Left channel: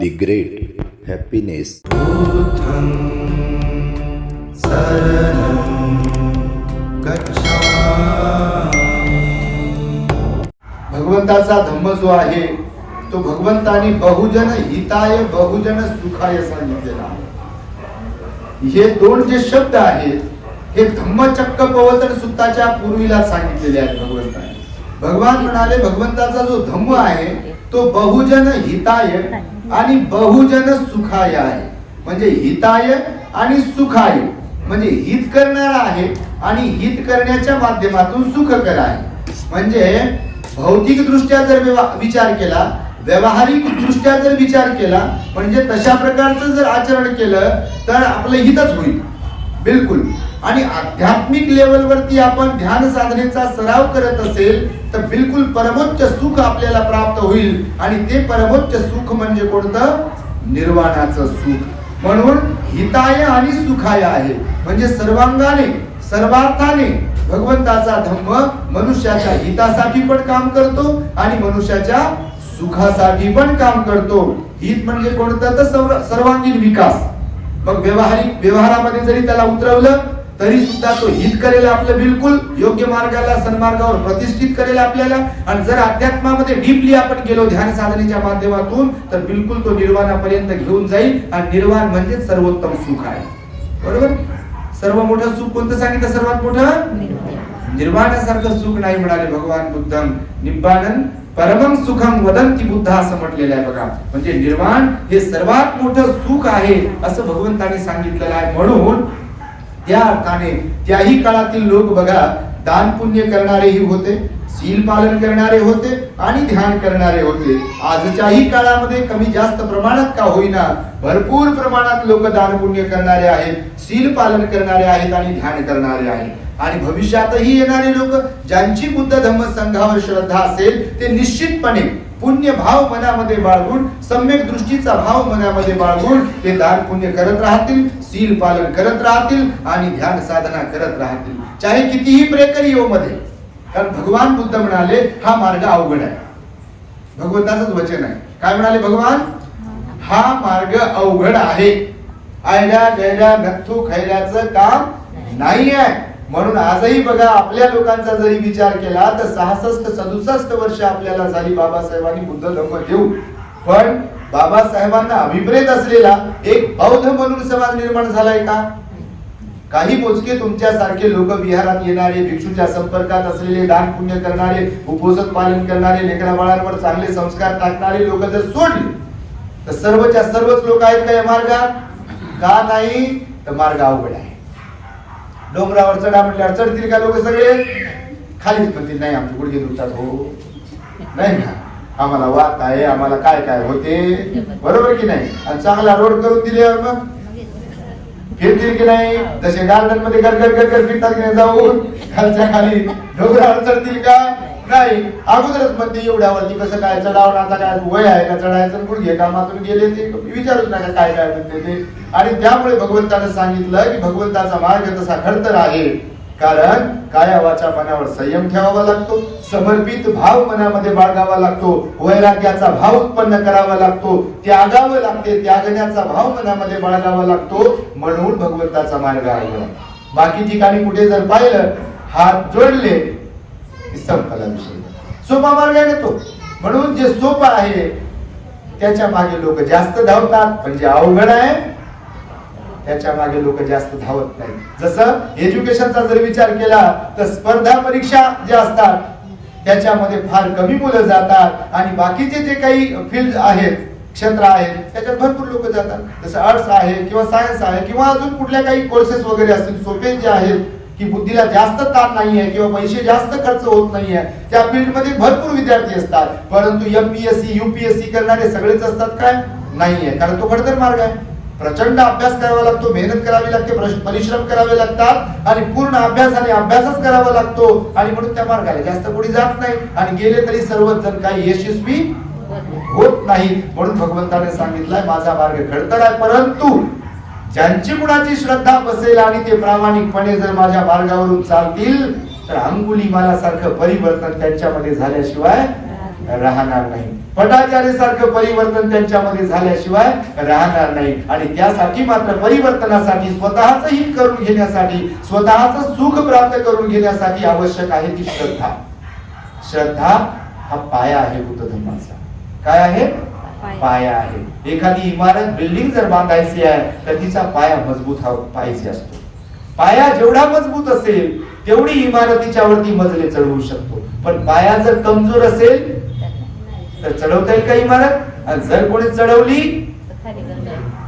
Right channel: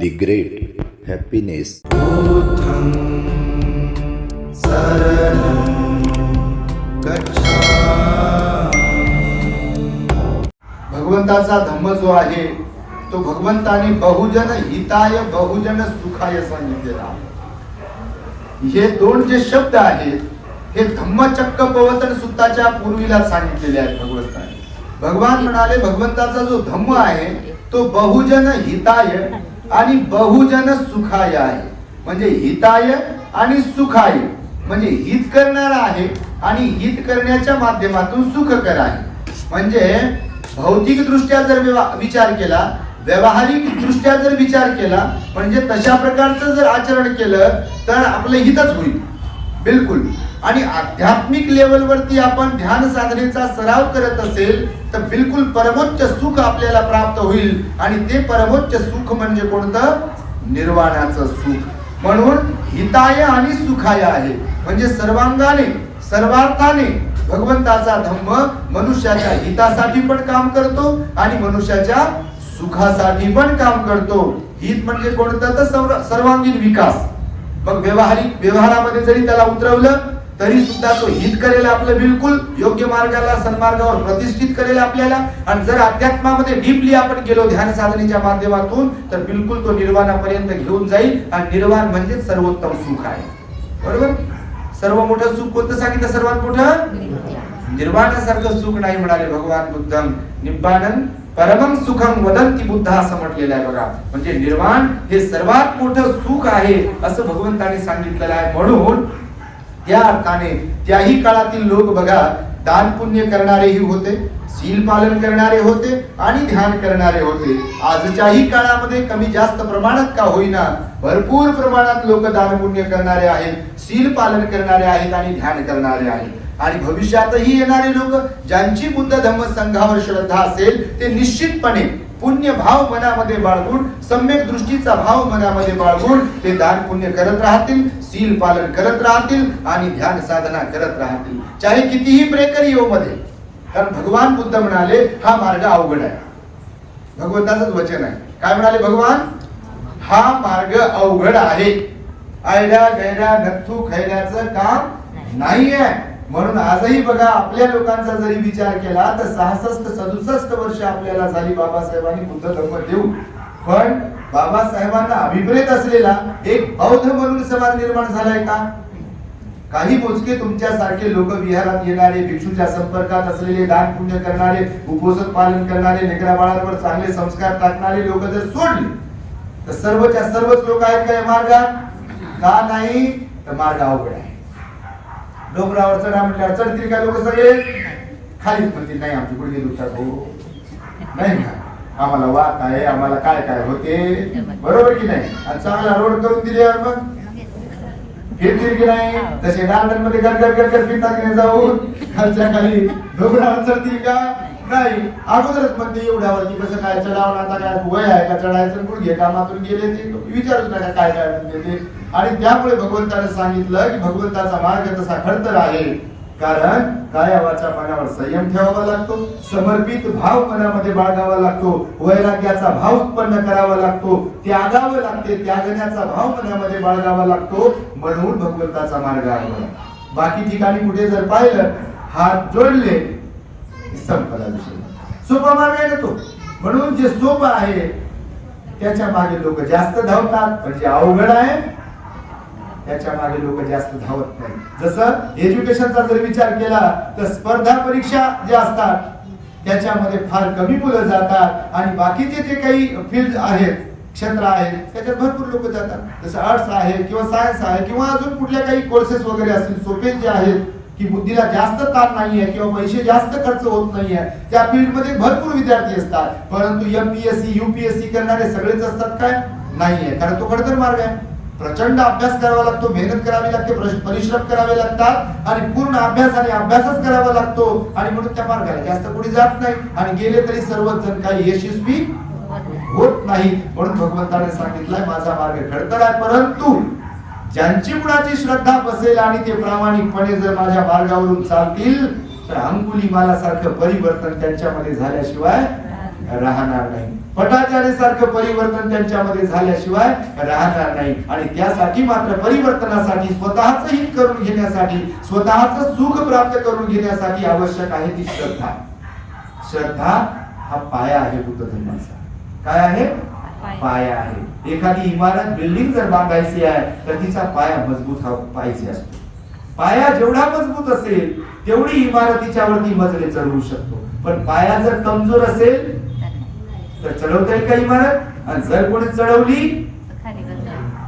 The Great Happiness. बुद्धं शरणं गच्छामि. भगवंताचा धम्म जो आहे तो भगवंताने बहुजन हिताय बहुजन सुखाय सांगितलेला आहे. हे दोन जे शब्द आहेत हे धम्मचक्क पवतन सुत्ताच्या पूर्वीला सांगितलेले आहेत भगवंताने. भगवान म्हणाले भगवंताचा जो धम्म आहे तो बहुजन हिताय आणि बहुजन सुखाय आहे. म्हणजे हिताय आणि सुखाय म्हणजे हित करणारा आहे आणि हित करण्याच्या माध्यमातून सुखकर आहे. म्हणजे भौतिक दृष्ट्या जर विचार केला, व्यावहारिक दृष्ट्या जर विचार केला, म्हणजे तशा प्रकारचं जर आचरण केलं तर आपलं हितच होईल बिलकुल. आणि आध्यात्मिक लेवलवरती आपण ध्यान साधनेचा सराव करत असेल तर बिलकुल परमोच्च सुख आपल्याला प्राप्त होईल. आणि ते परमोच्च सुख म्हणजे कोणतं? निर्वाणाचं सुख. म्हणून हिताय आणि सुखाय आहे. म्हणजे सर्वांगाने सर्वार्थाने भगवंताचा धम्म मनुष्याच्या हितासाठी पण काम करतो आणि मनुष्याच्या सुखासाठी पण काम करतो. हित म्हणजे कोणतं? तर सर्वांगीण विकास. मग व्यवहारामध्ये जरी त्याला उतरवलं तरी सुद्धा तो हित करेल आपलं, बिलकुल योग्य मार्गाला सन्मार्गावर प्रतिष्ठित करेल आपल्याला. आणि जर अध्यात्मामध्ये डीपली आपण गेलो ध्यान साधनेच्या माध्यमातून तर बिलकुल तो निर्वाणापर्यंत घेऊन जाईल. आणि निर्वाण म्हणजे सर्वोत्तम सुख आहे. बरोबर? सर्व मोठं सुख कोणतं सांगितलं? सर्वात मोठं निर्वाणासारखं सुख नाही म्हणाले भगवान बुद्धम. निब्बाणं परमं सुखम वदंती बुद्ध असं म्हटलेलं आहे बघा. म्हणजे निर्वाण हे सर्वात मोठं सुख आहे असं भगवंताने सांगितलेलं आहे. म्हणून त्या अर्थाने त्याही काळातील लोक बघा दान पुण्य करणारेही होते, शील पालन करणारे होते आणि ध्यान करणारे होते. आजच्याही काळामध्ये कमी जास्त प्रमाणात का होईना भरपूर प्रमाणात लोक दान पुण्य करणारे आहेत, शील पालन करणारे आहेत आणि ध्यान करणारे आहेत. आणि भविष्यातही येणारे लोक ज्यांची बुद्ध धम्म संघावर श्रद्धा असेल ते निश्चितपणे पुण्य भाव मनामध्ये बाळगून, सम्यक दृष्टीचा भाव मनामध्ये बाळगून ते दान पुण्य करत राहतील, शील पालन करत राहतील आणि ध्यान साधना करत राहतील, चाहे कितीही प्रेकरी येऊ मध्ये. कारण भगवान बुद्ध म्हणाले हा मार्ग अवघड आहे. भगवंताचंच वचन आहे. काय म्हणाले भगवान? हा मार्ग अवघड आहे, आयड्या गैड्या नथू खैऱ्याचं काम नाही आहे. म्हणून आजही बघा आपल्या लोकांचा जरी विचार केला तर 66-67 वर्ष आपल्याला झाली बाबासाहेबांनी बुद्ध धम्म देऊ. पण बाबासाहेबांना अभिप्रेत असलेला एक बौद्ध म्हणून समाज निर्माण झालाय का? काही मोजके तुमच्यासारखे लोक विहारात येणारे, भिक्षूच्या संपर्कात असलेले, दान पुण्य करणारे, उपवास पालन करणारे, लेकरा बाळांवर चांगले संस्कार टाकणारे लोक जर सोडले तर सर्वच्या सर्वच लोक आहेत का या मार्गात? का नाही? तर मार्ग अवघड आहे. डोंगरावर चढा म्हटल्यावर चढतील का लोक? सगळे खालीच म्हणतील नाही आमचे गुडघे दुखतात हो, नाही का आम्हाला वात आहे, आम्हाला काय काय होते. बरोबर की नाही? आणि चांगला रोड करून दिल्यावर मग फिरतील की नाही? तसे गार्डन मध्ये गरगर गरगर फिरतात जाऊन खालच्या खाली डोंगरावर चढतील का? नाही. अगोदरच म्हणते एवढ्यावरती कसं काय चढावं, आता काय वय आहे का चढायचं? गुडघे कामातून गेले ते विचारूच नका काय काय म्हणते ते. आणि त्यामुळे भगवंताने सांगितलं की भगवंताचा मार्ग तसा खडतर आहे. कारण काया वाचा मनावर संयम ठेवावा लागतो, समर्पित भाव मनामध्ये बाळगावा लागतो, वैराग्याचा भाव उत्पन्न करावा लागतो, त्यागावं लागते, त्यागण्याचा भाव मनामध्ये बाळगावा लागतो. म्हणून भगवंताचा मार्ग आहे. बाकी ठिकाणी कुठे जर पाहिलं हात जोडले संपला विषय. सोपा मार्ग आहे ना तो. म्हणून जे सोपं आहे त्याच्या मागे लोक जास्त धावतात, पण जे अवघड आहे त्याच्या मागे लोक जास्त धावत नाही. जसं एज्युकेशनचा जर विचार केला तर स्पर्धा परीक्षा ज्या असतात त्याच्यामध्ये फार कमी मुलं जातात आणि बाकीचे जे काही फील्ड आहेत, क्षेत्र आहेत त्याच्यात भरपूर लोक जातात. जसं आर्ट्स आहे किंवा सायन्स आहे किंवा अजून कुठल्या काही कोर्सेस वगैरे असतील सोपे जे आहेत की बुद्धीला जास्त ताण नाहीये किंवा पैसे जास्त खर्च होत नाहीये त्या फील्ड मध्ये भरपूर विद्यार्थी असतात. परंतु एमपीएससी यूपीएससी करणारे सगळेच असतात काय? नाहीये. कारण तो खडतर मार्ग आहे. प्रचंड अभ्यास करावा लागतो, मेहनत करावी लागते, परिश्रम करावे लागतात आणि पूर्ण अभ्यास आणि अभ्यासच करावा लागतो. आणि म्हणून त्या मार्गाला जास्त कोणी जात नाही आणि गेले तरी सर्वच जण काही यशस्वी होत नाही. म्हणून भगवंताने सांगितलंय माझा मार्ग खडतर आहे, परंतु ज्यांची कुणाची श्रद्धा बसेल आणि ते प्रामाणिकपणे जर माझ्या मार्गावरून चालतील तर अंगुली माला सारखं परिवर्तन त्यांच्यामध्ये झाल्याशिवाय राहणार नाही. भटाचार्यासारखं परिवर्तन त्यांच्यामध्ये झाल्याशिवाय राहणार नाही. आणि त्यासाठी मात्र परिवर्तनासाठी स्वतःच हित करून घेण्यासाठी, स्वतःच सुख प्राप्त करून घेण्यासाठी आवश्यक आहे ती श्रद्धा. श्रद्धा हा पाया आहे बुद्ध धर्माचा. काय आहे? पाया आहे. एखादी इमारत, बिल्डिंग जर बांधायची आहे तर तिचा पाया मजबूत हा पाहिजे असतो. पाया जेवढा मजबूत असेल तेवढी इमारतीच्या वरती मजले चढवू शकतो. पण पाया जर कमजोर असेल तर चढवता येईल का इमारत? आणि जर कोणी चढवली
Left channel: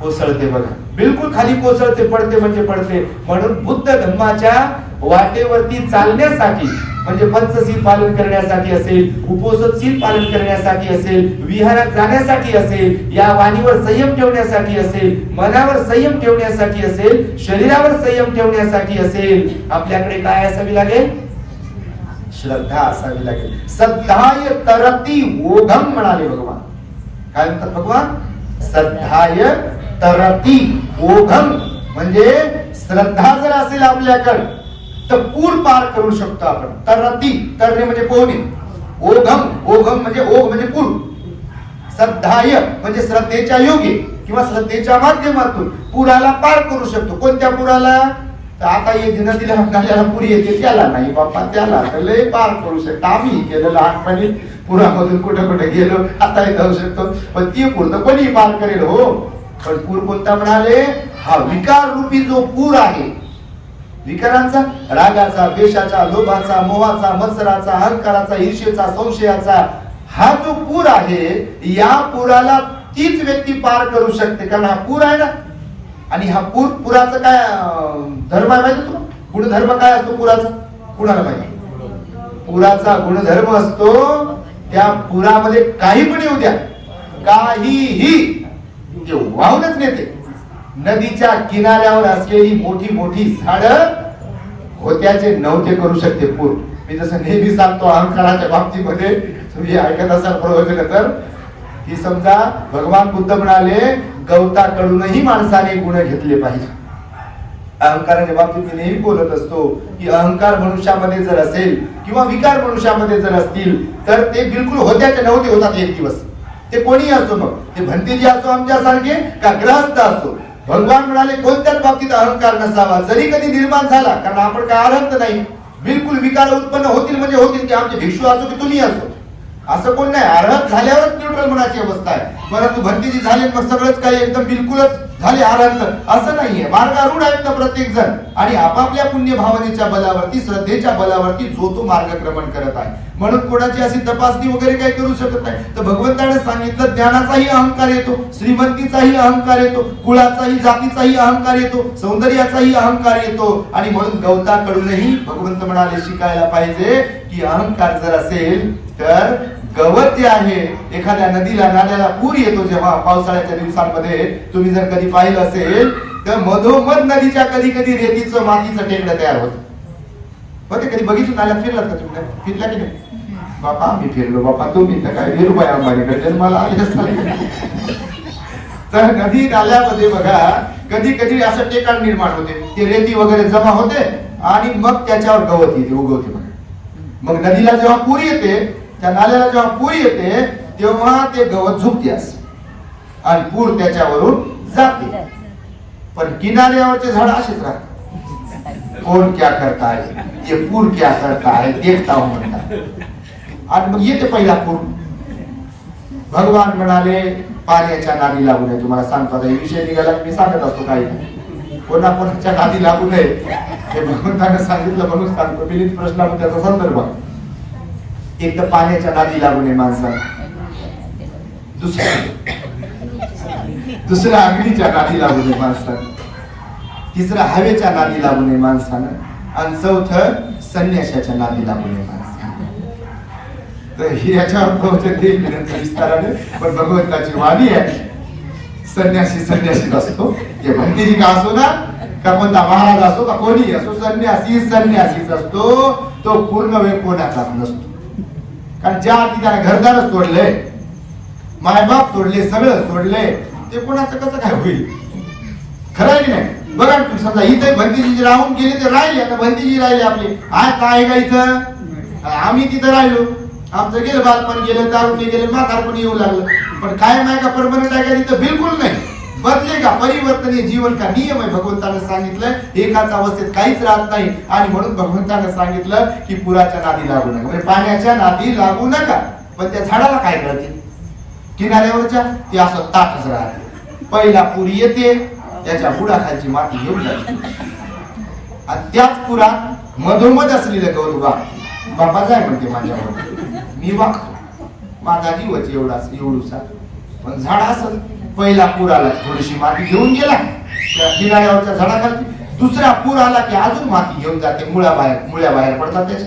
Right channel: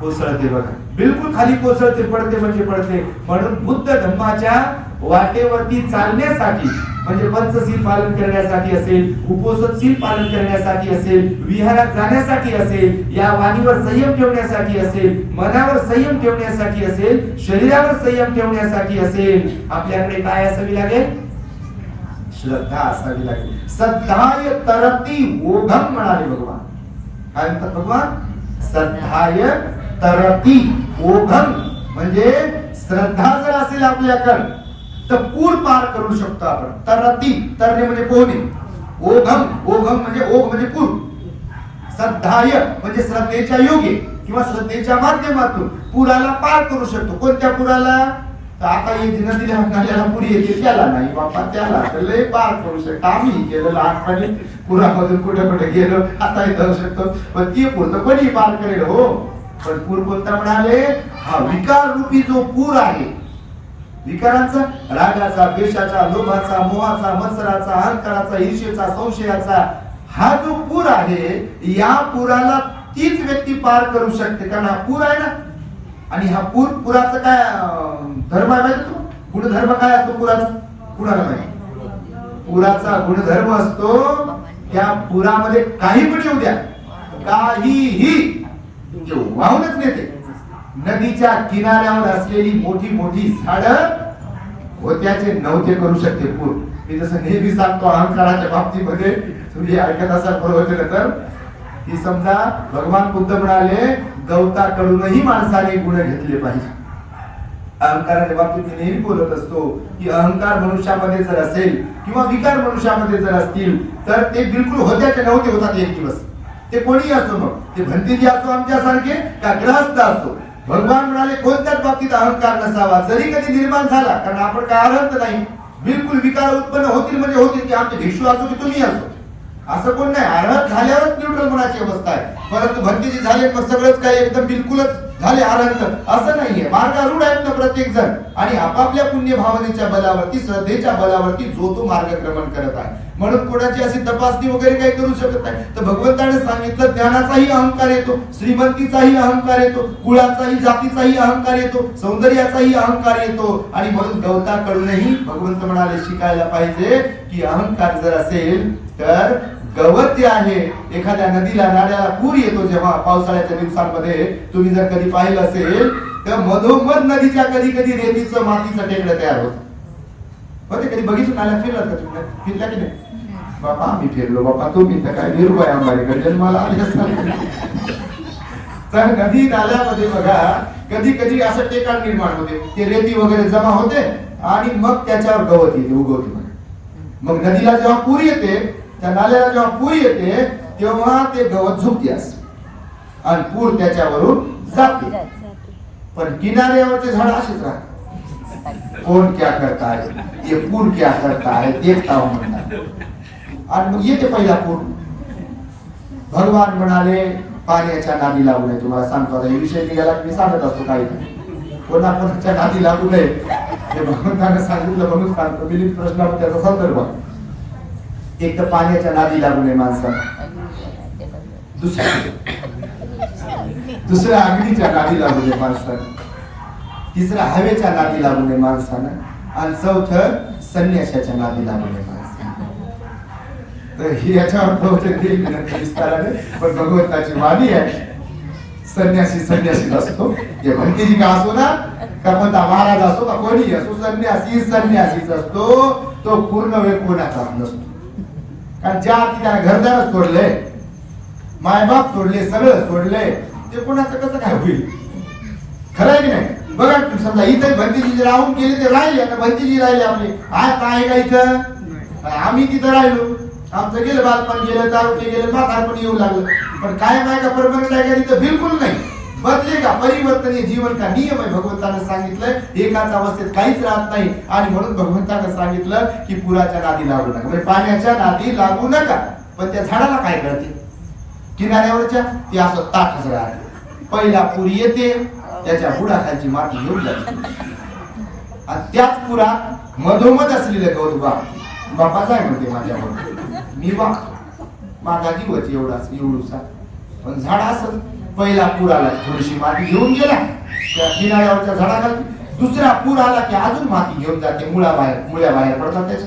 कोसळते. बघा, बिलकुल खाली कोसळते, पडते म्हणजे पडते. म्हणून बुद्ध धर्माच्या वाटेवरती चालण्यासाठी, म्हणजे पंचशील पालन करण्यासाठी असेल, उपोषणशील पालन करण्यासाठी असेल, विहारात जाण्यासाठी असेल, या वाणीवर संयम ठेवण्यासाठी असेल, मनावर संयम ठेवण्यासाठी असेल, शरीरावर संयम ठेवण्यासाठी असेल, आपल्याकडे काय असावी लागेल? श्रद्धा असावी लागेल. श्रद्धाय तरती ओघम म्हणाले भगवान. काय म्हणतात भगवान? श्रद्धाय तरती ओघम. म्हणजे श्रद्धा जर असेल आपल्याकडे तर पूर पार करू शकतो आपण. तरती, तरणे म्हणजे पोहणे. ओघम, ओघम म्हणजे ओघ म्हणजे पूर. श्रद्धाय म्हणजे श्रद्धेच्या योगे किंवा श्रद्धेच्या माध्यमातून पुराला पार करू शकतो. कोणत्या पुराला? तर आता हे नदीला नाल्याला पूर येते त्याला नाही बाप्पा, त्याला तर लय पार करू शकतो. आम्ही गेलो लहानपणी पुरामधून कुठे कुठे गेलो, आता जाऊ शकतो. पण ती पूर तर कोणी पार करेल हो. पण पूर कोणता म्हणाले? हा विकार रूपी जो पूर आहे, विकारांचा, रागाचा, द्वेषाचा, लोभाचा, मोहाचा, मत्सराचा, अहंकाराचा, ईर्ष्येचा, संशयाचा, हा जो पूर आहे, या पुराला तीच व्यक्ती पार करू शकते. कारण हा पूर आहे ना. आणि हा पुराचं काय धर्म आहे माहिती तुम्हाला? गुणधर्म काय असतो पुराचा? कुणाला माहिती? पुराचा गुणधर्म असतो, त्या पुरामध्ये काही पण येऊ द्या, काहीही वाहूनच नेते. नदीच्या किनाऱ्यावर असलेली मोठी मोठी झाडं होत्याचे नव्हते करू शकते पूर. मी जसं नेहमी सांगतो अहंकाराच्या बाबतीमध्ये, तुम्ही ऐकत असाल प्रवचन तर, की समजा भगवान बुद्ध म्हणाले गवताकडूनही माणसाने गुण घेतले पाहिजे. अहंकाराच्या बाबतीत मी नेहमी बोलत असतो की अहंकार मनुष्यामध्ये जर असेल किंवा विकार मनुष्यामध्ये जर असतील तर ते बिलकुल होत्याचे नव्हते होतात एक दिवस. ते कोणी असो, मग ते भंतीजी असो आमच्यासारखे का ग्रहस्थ असो. भगवान म्हणाले कोणत्याच बाबतीत अहंकार नसावा, जरी कधी निर्माण झाला. कारण आपण काय अरहंत नाही. बिलकुल विकार उत्पन्न होतील म्हणजे होतील, की आमचे भिक्षू असो की तुम्ही असो, असं कोण नाही. अर्हत झाल्यावरच न्यूट्रल मनाची अवस्था आहे. परंतु भंतीजी झाले मग सगळंच काही एकदम बिलकुलच झाले अर्हत, असं नाहीये. मार्गारूढ आहेत ना प्रत्येक जण, आणि आपापल्या पुण्य भावनेच्या बलावरती, श्रद्धेच्या बलावरती जो तो मार्गक्रमण करत आहे. म्हणून कोणाची अशी तपासणी वगैरे काही करू शकत नाही. तर भगवंताने सांगितलं ज्ञानाचाही अहंकार येतो, श्रीमंतीचाही अहंकार येतो, कुळाचाही, जातीचाही अहंकार येतो, सौंदर्याचाही अहंकार येतो. आणि म्हणून गवताकडूनही भगवंत म्हणाले शिकायला पाहिजे की अहंकार जर असेल तर गवत जे आहे, एखाद्या नदीला नाल्याला पूर येतो जेव्हा पावसाळ्याच्या दिवसांमध्ये, तुम्ही जर कधी पाहिलं असेल तर मधोमध नदीच्या कधी कधी रेतीचं मातीचं टेकड्या तयार होत होते. कधी बघितलं नाल्यात? फिरलात का तुम्ही? फिरला की नाही? बापा आम्ही फिरलो बापा, तुम्ही तर काय निरुपाय अंबानीकडे जन्माला आले असताना. तर नदी नाल्यामध्ये बघा कधी कधी असं टेकाड निर्माण होते, ते रेती वगैरे जमा होते आणि मग त्याच्यावर गवत येते, उगवते. मग नदीला जेव्हा पूर येते, त्या नाल्याला जेव्हा पूर येते तेव्हा ते गवत झुकते असं आणि पूर त्याच्यावरून जाते. पण किनाऱ्यावरचे झाड असेच राहतात. कौन क्या करता है, ये पूर क्या करता है देखता हूं म्हणतात. आणि मग येते पहिला पूर. भगवान म्हणाले पाण्याच्या नादी लागू नये. तुम्हाला सांगतो आता विषय निघाला मी सांगत असतो काही कोणाच्या नादी लागू नये हे भगवंताने सांगितलं म्हणून सांगतो. मी प्रश्नाला त्याचा संदर्भ. एक तर पाण्याच्या नादी लागू नये माणसाला, दुसऱ्या अग्नीच्या नादी लागू नये माणसाला, तिसरा हवेच्या नादी लागू नये माणसानं, आणि चौथं संन्यासाच्या नादी लागू नये माणसानं. तर याच्यावर प्रवचन देईल विस्ताराने. पण भगवंताची वाणी आहे, संन्यासी संन्यासीच असतो. ते भंतीजी का असो ना, का कोणता महाराज असो का कोणी असो, संन्यासी संन्यासीच असतो. तो पूर्ण वेळ कोणाचाच नसतो. कारण ज्या अर्थी त्याला घरदार सोडले, मायबाप सोडले, सगळं सोडले, ते कोणाचं कसं काय होईल? खरं आहे की नाही? बघा समजा इथे भंतीजी राहून गेले, ते राहिले. आता भंतीजी राहिले आपले, आज आहे का इथं? आम्ही तिथं राहिलो. आमचं गेलं बालपण गेलं, दारुटे गेलं, म्हातारपण येऊ लागलं. पण कायम आहे का, परमनंट आहे का, तिथं बिलकुल नाही. बदले का, परिवर्तनीय जीवन का नियम आहे. भगवंतानं सांगितलंय एकाच अवस्थेत काहीच राहत नाही. आणि म्हणून भगवंतानं सांगितलं की पुराच्या नादी लागू नका, म्हणजे पाण्याच्या नादी लागू नका. पण त्या झाडाला काय कळते, किनाऱ्यावरच्या ते असं ताटच राहते. पहिला पूर येते, त्याच्या बुडाखालची माती घेऊन जाते, आणि त्याच पुरात मधोमध असलेलं गवत बापा काय म्हणते माझ्यावर, मी वागतो, माझा जीवच एवढूसा. पण झाड असं पहिला पूर आला थोडीशी माती घेऊन गेला त्या किनाऱ्यावरच्या झाडाखाली, दुसरा पूर आला की अजून माती घेऊन जाते, मुळ्या बाहेर पडतात त्याच्या.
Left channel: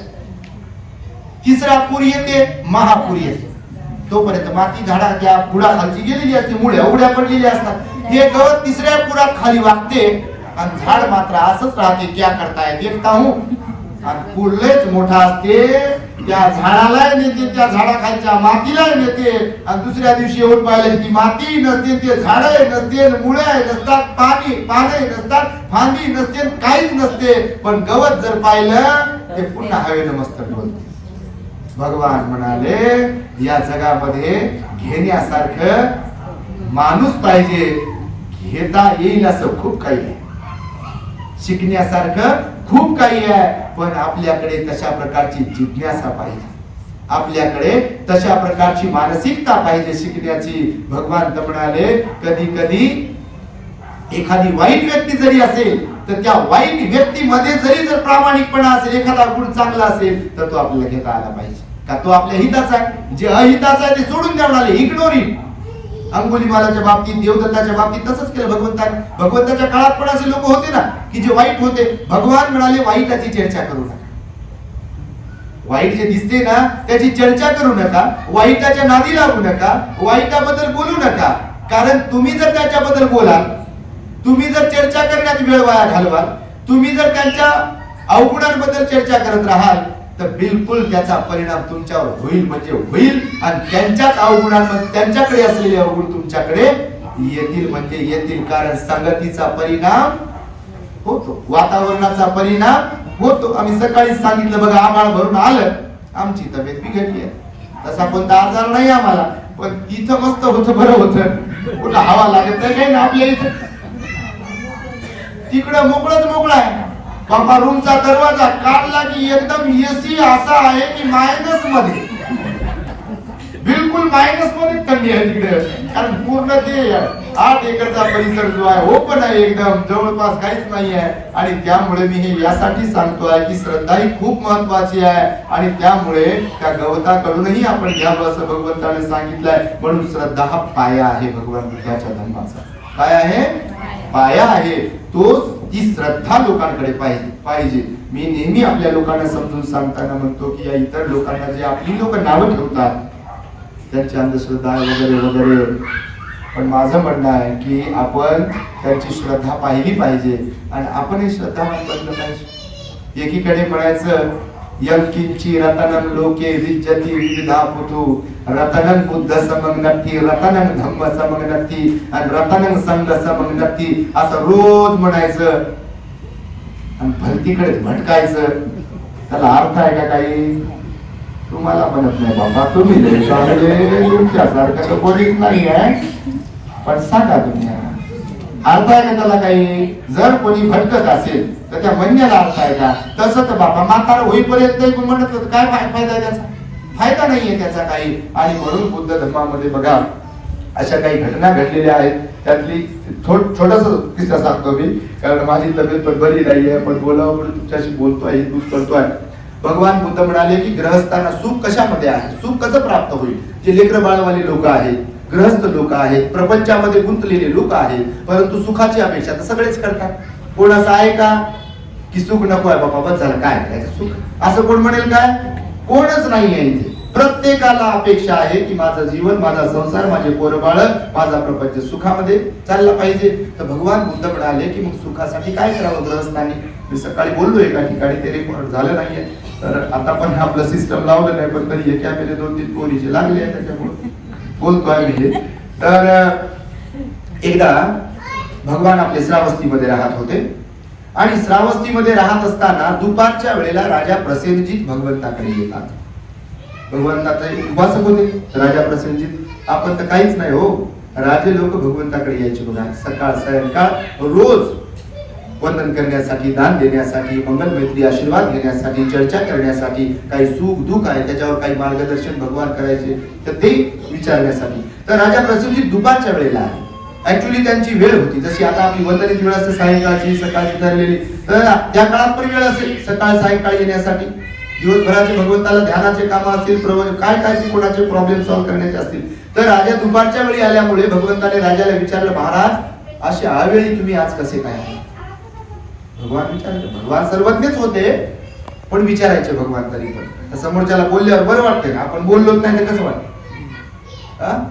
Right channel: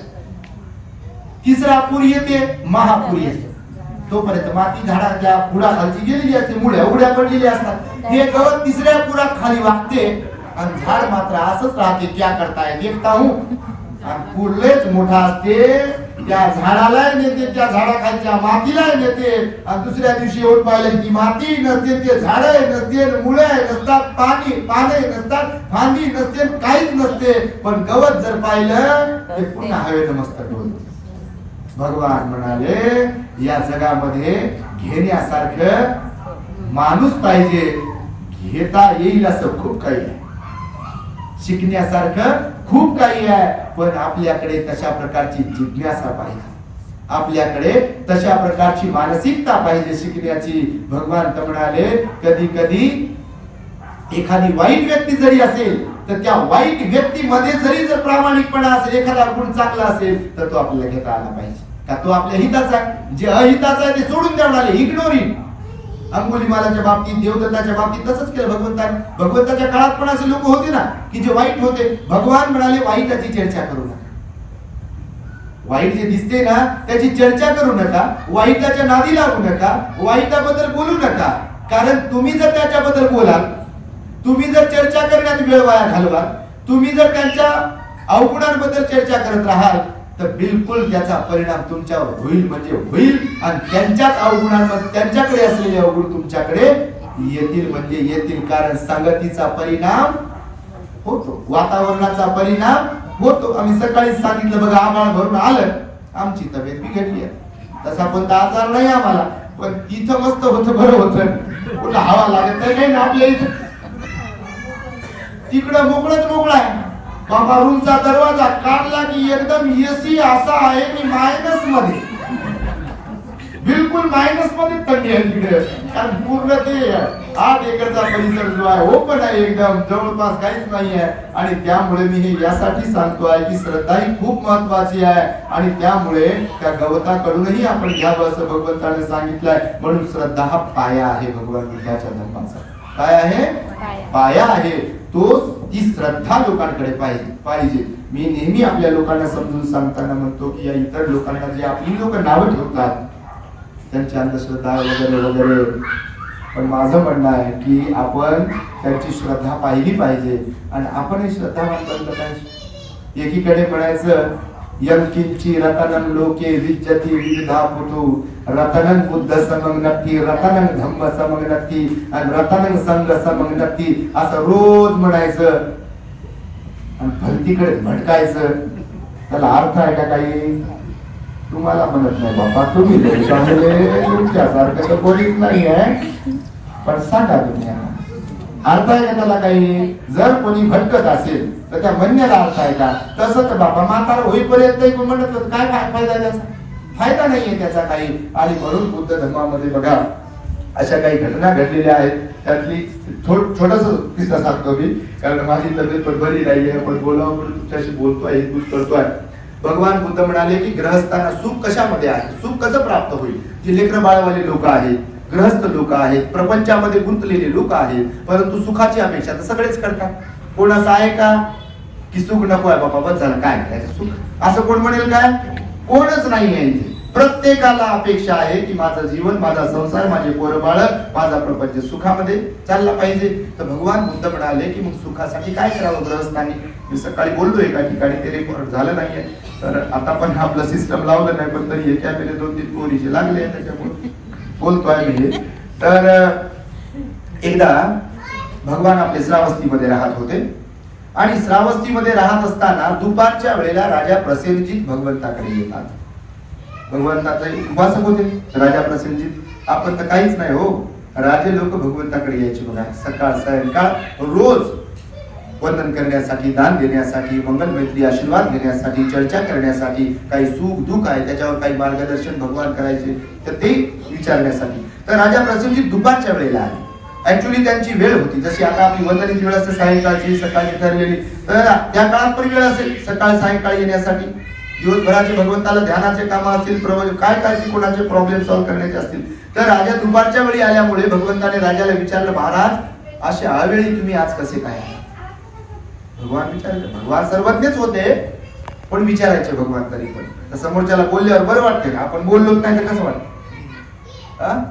तिसरा पूर येते, महापूर येते, तोपर्यंत माती झाडाच्या बुडाखालची गेलेली असते, मुळ्या उड्या पडलेल्या असतात. हे गवत तिसऱ्या पुरात खाली वागते आणि झाड मात्र असंच राहते. क्या करताय देखता हूं. आणि पुरलेच मोठा असते, त्या झाडाला नेते, त्या झाडाखालच्या मातीला नेते. आणि दुसऱ्या दिवशी येऊन पाहिलं ती माती नसते, ते झाड नसते, मुळे नसतात, पाने नसतात, फांदी नसते, काहीच नसते. पण गवत जर पाहिलं ते पुन्हा हवेनं मस्तक डोलते. भगवान म्हणाले या जगामध्ये घेण्यासारखं माणूस पाहिजे, घेता येईल असं खूप काही आहे, शिकण्यासारखं खूप काही आहे. पण आपल्याकडे तशा प्रकारची जिज्ञासा पाहिजे, आपल्याकडे तशा प्रकारची मानसिकता पाहिजे शिकण्याची. भगवान तर म्हणाले कधी कधी एखादी वाईट व्यक्ती जरी असेल तर त्या वाईट व्यक्तीमध्ये जर प्रामाणिकपणा असेल, एखादा गुण चांगला असेल तर तो आपल्याला घेता आला पाहिजे. का तो आपल्या हिताचा आहे, जे अहिताचा आहे ते सोडून द्या म्हणाले, इग्नोर इट. अंगुलीमालाच्या बाबतीत, देवदत्ताच्या बाबतीत तसंच केलं भगवंताने. भगवंताच्या काळात पण असे लोक होते ना की जे वाईट होते. भगवान म्हणाले वाईटाची चर्चा करू नका, वाईट जे दिसते ना त्याची चर्चा करू नका, वाईटाच्या नादी लागू नका, वाईटाबद्दल बोलू नका. कारण तुम्ही जर त्याच्याबद्दल बोलाल, तुम्ही जर चर्चा करण्यात वेळ वाया घालवाल, तुम्ही जर त्यांच्या अवगुणांबद्दल चर्चा करत राहाल तर बिलकुल त्याचा परिणाम तुमच्यावर होईल, म्हणजे होईल. आणि त्यांच्याच अवगुणांमध्ये त्यांच्याकडे असलेले अवगुण तुमच्याकडे येतील, म्हणजे येतील. कारण संगतीचा परिणाम होतो, वातावरणाचा परिणाम होतो. आम्ही सकाळी सांगितलं बघा, आभाळ भरून आलं, आमची तब्येत बिघडली आहे. तसा कोणता आजार नाही आम्हाला, पण तिथं मस्त होतं, बरं होतं, कुठं हवा लागत नाही काही ना आपल्या इथं. तिकडं मोकळा आहे बाबा. रूमचा दरवाजा काढला की एकदम एसी असा आहे की मायनस मध्ये, बिलकुल मायनस मध्ये थंडी आहे तिकडे. कारण पूर्ण ते 8 एकरचा परिसर जो आहे ओपन आहे, एकदम जवळपास काहीच नाही आहे. आणि त्यामुळे मी हे यासाठी सांगतोय की श्रद्धा ही खूप महत्वाची आहे. आणि त्यामुळे त्या गवताकडूनही आपण घ्यावं असं भगवंताने सांगितलंय. म्हणून श्रद्धा हा पाया आहे भगवान बुद्धाच्या धर्माचा. काय आहे? पाया आहे. तोच ती श्रद्धा लोकांकडे पाहिजे. मी नेहमी आपल्या लोकांना समजून सांगताना म्हणतो की या इतर लोकांना जे आपली लोक नावं ठेवतात त्यांची अंधश्रद्धा वगैरे वगैरे, पण माझं म्हणणं आहे की आपण त्यांची श्रद्धा पाहिली पाहिजे आणि आपणही श्रद्धावान बनलं पाहिजे. एकीकडे म्हणायचं यंकिंची रतनं लोके विज्जती विविधा पुतु, रतनं बुद्ध समंग नक्की, रतनं धम्म समंग नक्की, आणि रतनं संघ समंग नक्की असं रोज म्हणायचं आणि भलतीकडे भटकायचं. त्याला अर्थ आहे का काही? तुम्हाला म्हणत नाही बाबा, तुम्ही तुमच्यासारखं तर कोणीच नाही आहे, पण सांगा तुम्ही अर्थ आहे का त्याला काही? जर कोणी भटकत असेल तर त्या म्हणण्याला अर्थ आहे का? तसं तर बाबा म्हातारा होईपर्यंत म्हणत काय फायदा आहे त्याचा? फायदा नाहीये त्याचा काही. आणि म्हणून बुद्ध धर्मामध्ये बघा अशा काही घटना घडलेल्या आहेत. त्यातली छोटासा किस्सा सांगतो मी, कारण माझी तब्येत पण बरी नाहीये, पण बोलावं म्हणून तुमच्याशी बोलतोय, तूच करतोय. भगवान बुद्ध म्हणाले की ग्रहस्थांना सुख कशामध्ये आहे, सुख कसं प्राप्त होईल? जे लेकर बाळवाले लोक आहेत, ग्रहस्थ लोक आहेत, प्रपंचामध्ये गुंतलेले लोक आहेत, परंतु सुखाची अपेक्षा तर सगळेच करतात. कोणाचं आहे का की सुख नको आहे बाबा, बस झालं, काय करायचं सुख, असं कोण म्हणेल काय? कोणच नाही आहे इथे. प्रत्येकाला अपेक्षा आहे की माझं जीवन, माझा संसार, माझे पोरबाळ, माझा प्रपंच सुखामध्ये चालला पाहिजे. तर भगवान बुद्ध म्हणाले की मग सुखासाठी काय करावं ग्रहस्थांनी? मी सकाळी बोललो एका ठिकाणी, ते रेकॉर्ड झालं नाहीये, तर आता पण आपलं सिस्टम लावलं नाही, पण तरी एका वेळेला 2-3 पोरीचे लागले, त्याच्यामुळे बोलतोय मी. तर एकदा भगवान आपले श्रावस्तीमध्ये राहत होते आणि श्रावस्तीमध्ये राहत असताना दुपारच्या वेळेला राजा प्रसेनजीत भगवंताकडे येतात. भगवंताचे उपासक होते राजा प्रसेनजीत. आपण तर काहीच नाही हो. राजे लोक भगवंताकडे यायचे बघा, सकाळ सायंकाळ रोज वंदन करण्यासाठी, दान देण्यासाठी, मंगल मैत्री आशीर्वाद घेण्यासाठी, चर्चा करण्यासाठी, काही सुख दुःख आहे त्याच्यावर काही मार्गदर्शन भगवान करायचे तर ते विचारण्यासाठी. तर राजा प्रसेनजीत दुपारच्या वेळेला आले. ऍक्च्युली त्यांची वेळ होती, जशी आता आपली वंदनेची वेळ असते सायंकाळची सकाळची ठरलेली, तर त्या काळात पण वेळ असेल सकाळ सायंकाळी येण्यासाठी. दिवसभराचे भगवंताला ध्यानाचे काम असतील, काय काय ते कोणाचे प्रॉब्लेम सॉल्व्ह करण्याचे असतील. तर राजा दुपारच्या वेळी आल्यामुळे भगवंताने राजाला विचारलं, महाराज असे अवेळी तुम्ही आज कसे काय आले? भगवान विचारले. भगवान सर्वज्ञच होते पण विचारायचे भगवान तरी पण. तर समोरच्याला बोलल्यावर बरं वाटते का? आपण बोललोच नाही तर कसं वाटतं?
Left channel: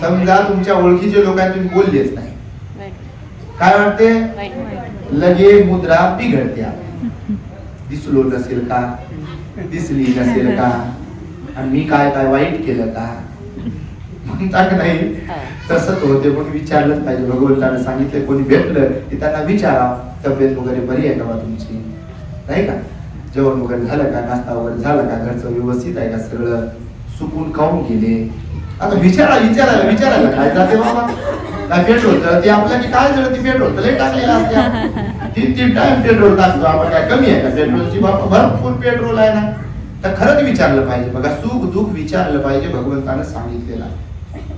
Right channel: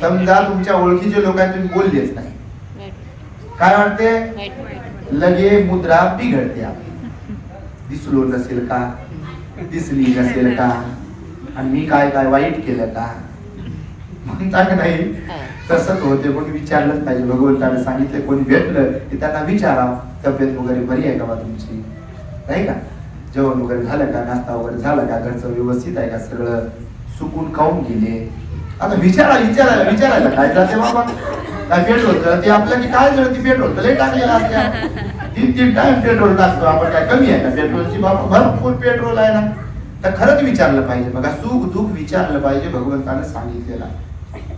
समजा तुमच्या ओळखीचे लोक आहेत, तुम्ही बोललेच नाही, काय वाटते? लगे मुद्रा बिघडते. दिसलो नसेल का, दिसली नसेल का, आणि मी काय काय वाईट केलं का म्हणता का नाही? तसंच होते. पण विचारलंच पाहिजे. भगवंताने सांगितले कोणी भेटलं की त्यांना विचारा, तब्येत वगैरे बरी आहे का बा तुमची, नाही का, जेवण वगैरे झालं का, नाश्ता वगैरे झाला का, घरचं व्यवस्थित आहे का, सगळं सुकून खाऊन गेले. आता विचारायला काय जाते बाबा? काय पेट्रोल जळते आपल्या की काय जळते? पेट्रोल तर लई टाकलेलं असते. 3 टाइम पेट्रोल टाकतो आपण, काय कमी आहे का पेट्रोलची? बाबा भरपूर पेट्रोल आहे ना. तर खरंच विचारलं पाहिजे बघा, सुख दुःख विचारलं पाहिजे. भगवंताने सांगितलेलं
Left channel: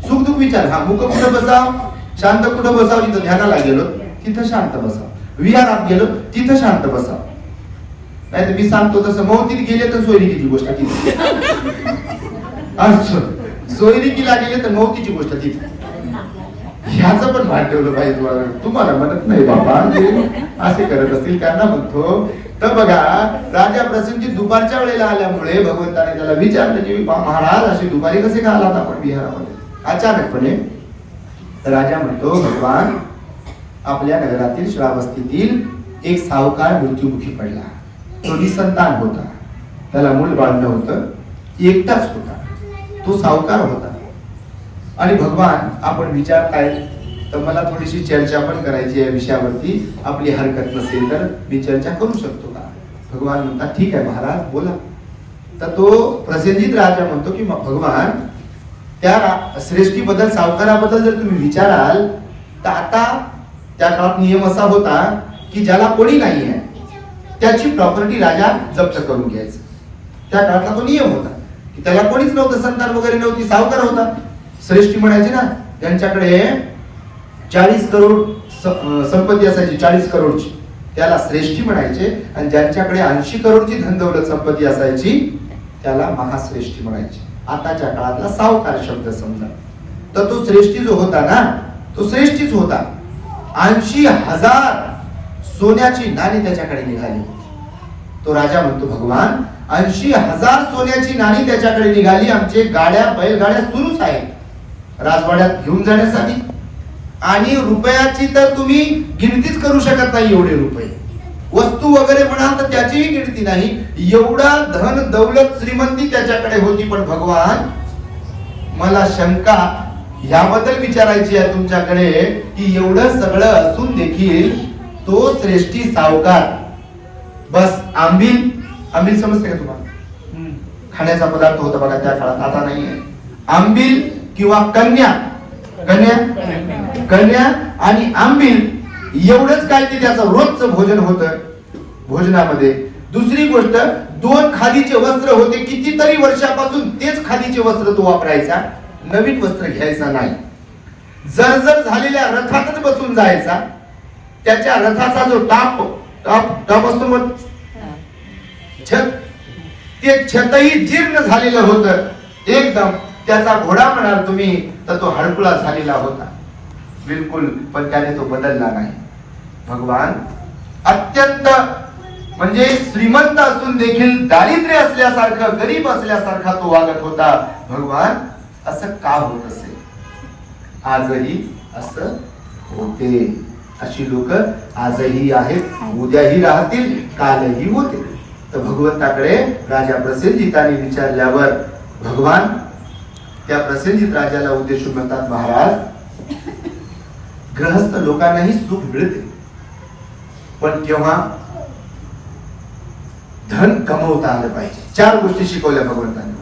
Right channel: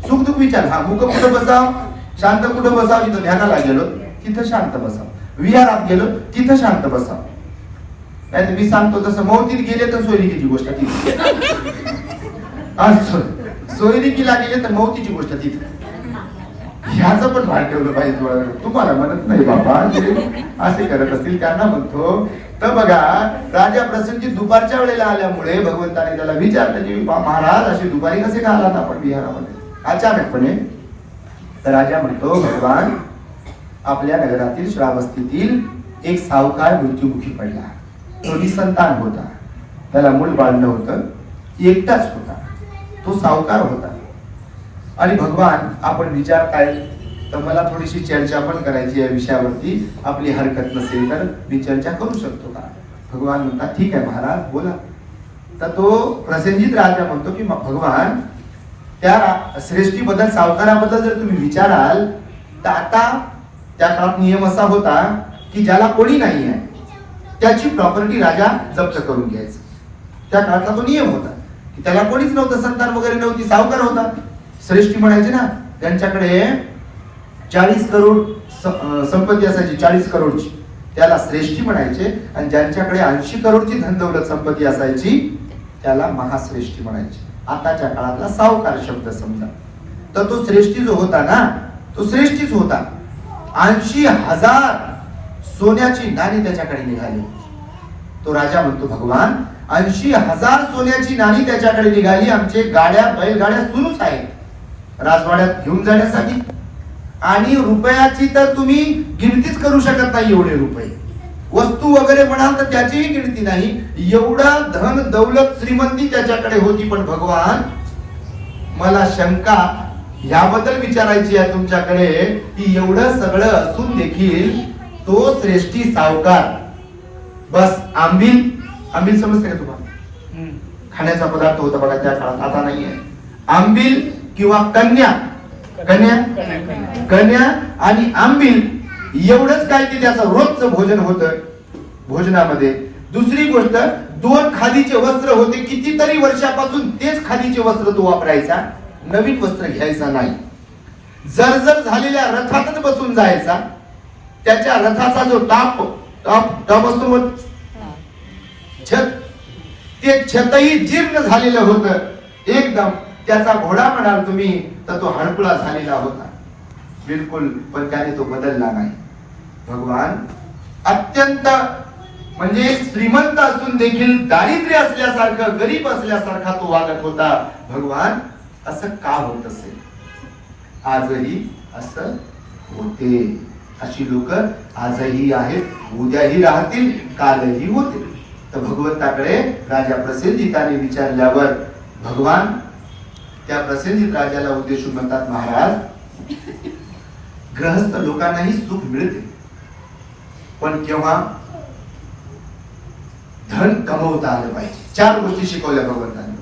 सुख दुःख विचार. हा, मुख कुठं बसाव, शांत कुठं बसाव? जिथं ध्यानाला गेलो तिथं शांत बसाव, विहारात गेलो तिथं शांत बसाव. नाही तर मी सांगतो तसं मौतीत गेले तर सोयरिकीची गोष्ट तिथे, सोयरिकीला गेले तर मौतीची गोष्ट तिथे. ह्याचं पण भान ठेवलं पाहिजे. तुम्हाला म्हणत नाही बाबा असे करत असतील त्यांना म्हणतो. तर बघा, राजा प्रसेनजीत दुपारच्या वेळेला आल्यामुळे भगवंताने त्याला विचारलं की महाराज असे दुपारी कसे का आलात आपण विहारामध्ये अचानकपणे? तर राजा म्हणतो, भगवान आपल्या नगरातील श्रावस्तीतील एक सावकार मृत्युमुखी पडला. तो निसंतान होता, त्याला मूल बाळ नव्हतं, एकटाच होता, तो सावकार होता. आणि भगवान आपण विचारताय तर मला थोडीशी चर्चा पण करायची या विषयावरती, आपली हरकत नसेल तर मी चर्चा करू शकतो का? भगवान म्हणतात ठीक आहे महाराज बोला. तर तो प्रसेनजीत राजा म्हणतो की भगवान त्या श्रेष्ठीबद्दल, सावकाराबद्दल जर तुम्ही विचाराल तर आता त्या काळात नियम असा होता की ज्याला कोणी नाही आहे त्याची प्रॉपर्टी राजा जप्त करून घ्यायचा. त्या काळातला तो नियम होता की त्याला कोणीच नव्हतं, संतान वगैरे नव्हती, सावकार होता. श्रेष्ठी म्हणायचे ना, त्यांच्याकडे 40 करोड संपत्ती असायची, 40 करोडची, त्याला श्रेष्ठी म्हणायचे. आणि ज्यांच्याकडे 80 करोडची धनदौलत संपत्ती असायची त्याला महाश्रेष्ठी म्हणायचे. आताच्या काळातला सावकार शब्द समजा. तर तो श्रेष्ठी जो होता ना, तो श्रेष्ठीच होता. 80,000 सोन्याची नाणी त्याच्याकडे निघाली. तो राजा म्हणतो भगवान 80,000 सोन्याची नाणी त्याच्याकडे निघाली. आमचे गाड्या बैलगाड्या सुरूच आहेत राजवाड्यात घेऊन जाण्यासाठी, आणि रुपयाची तर तुम्ही गिनतीच करू शकत नाही. एवढे रुपये वस्तू वगैरे म्हणाल तर त्याचीही गिनती नाही. एवढा धन दौलत श्रीमंती त्याच्याकडे होती. पण भगवान मला शंका याबद्दल विचारायची आहे तुमच्याकडे की एवढं सगळं असून देखील तो श्रेष्ठी सावकार बस आंबील समजते का तुम्हाला? खाण्याचा पदार्थ होता बघा त्या काळात, आता नाहीये. आंबील किंवा कन्या आणि आंबील एवढंच काय की त्याचं रोजचं भोजन होतं भोजनामध्ये. दुसरी गोष्ट 2 खादीचे वस्त्र होते. कितीतरी वर्षापासून तेच खादीचे वस्त्र तो वापरायचा, नवीन वस्त्र घ्यायचा नाही. जर्जर झालेल्या रथातच बसून जायचा. त्याच्या रथाचा जो टाप असतो छत, ते छतही जीर्ण झालेलं होतं एकदम. त्याचा घोडा म्हणाल तुम्ही तर तो हडकुळा झालेला होता बिलकुल, पण त्याने तो बदलला नाही. भगवान अत्यंत म्हणजे श्रीमंत असून देखील दारिद्र्य असल्यासारखं, गरीब असल्यासारखा तो वागत होता. भगवान असं का होत असेल? आजही असं होते. अशी लोक आजही आहेत, उद्याही राहतील, कालही होते. तर भगवंताकडे राजा प्रसेनजिताने विचारल्यावर भगवान त्या प्रसेनजित राजाला उद्देशून म्हणतात, महाराज गृहस्थ लोकांनाही सुख मिळते, पण केव्हा धन कमवता आलं पाहिजे. 4 गोष्टी शिकवल्या भगवंताने.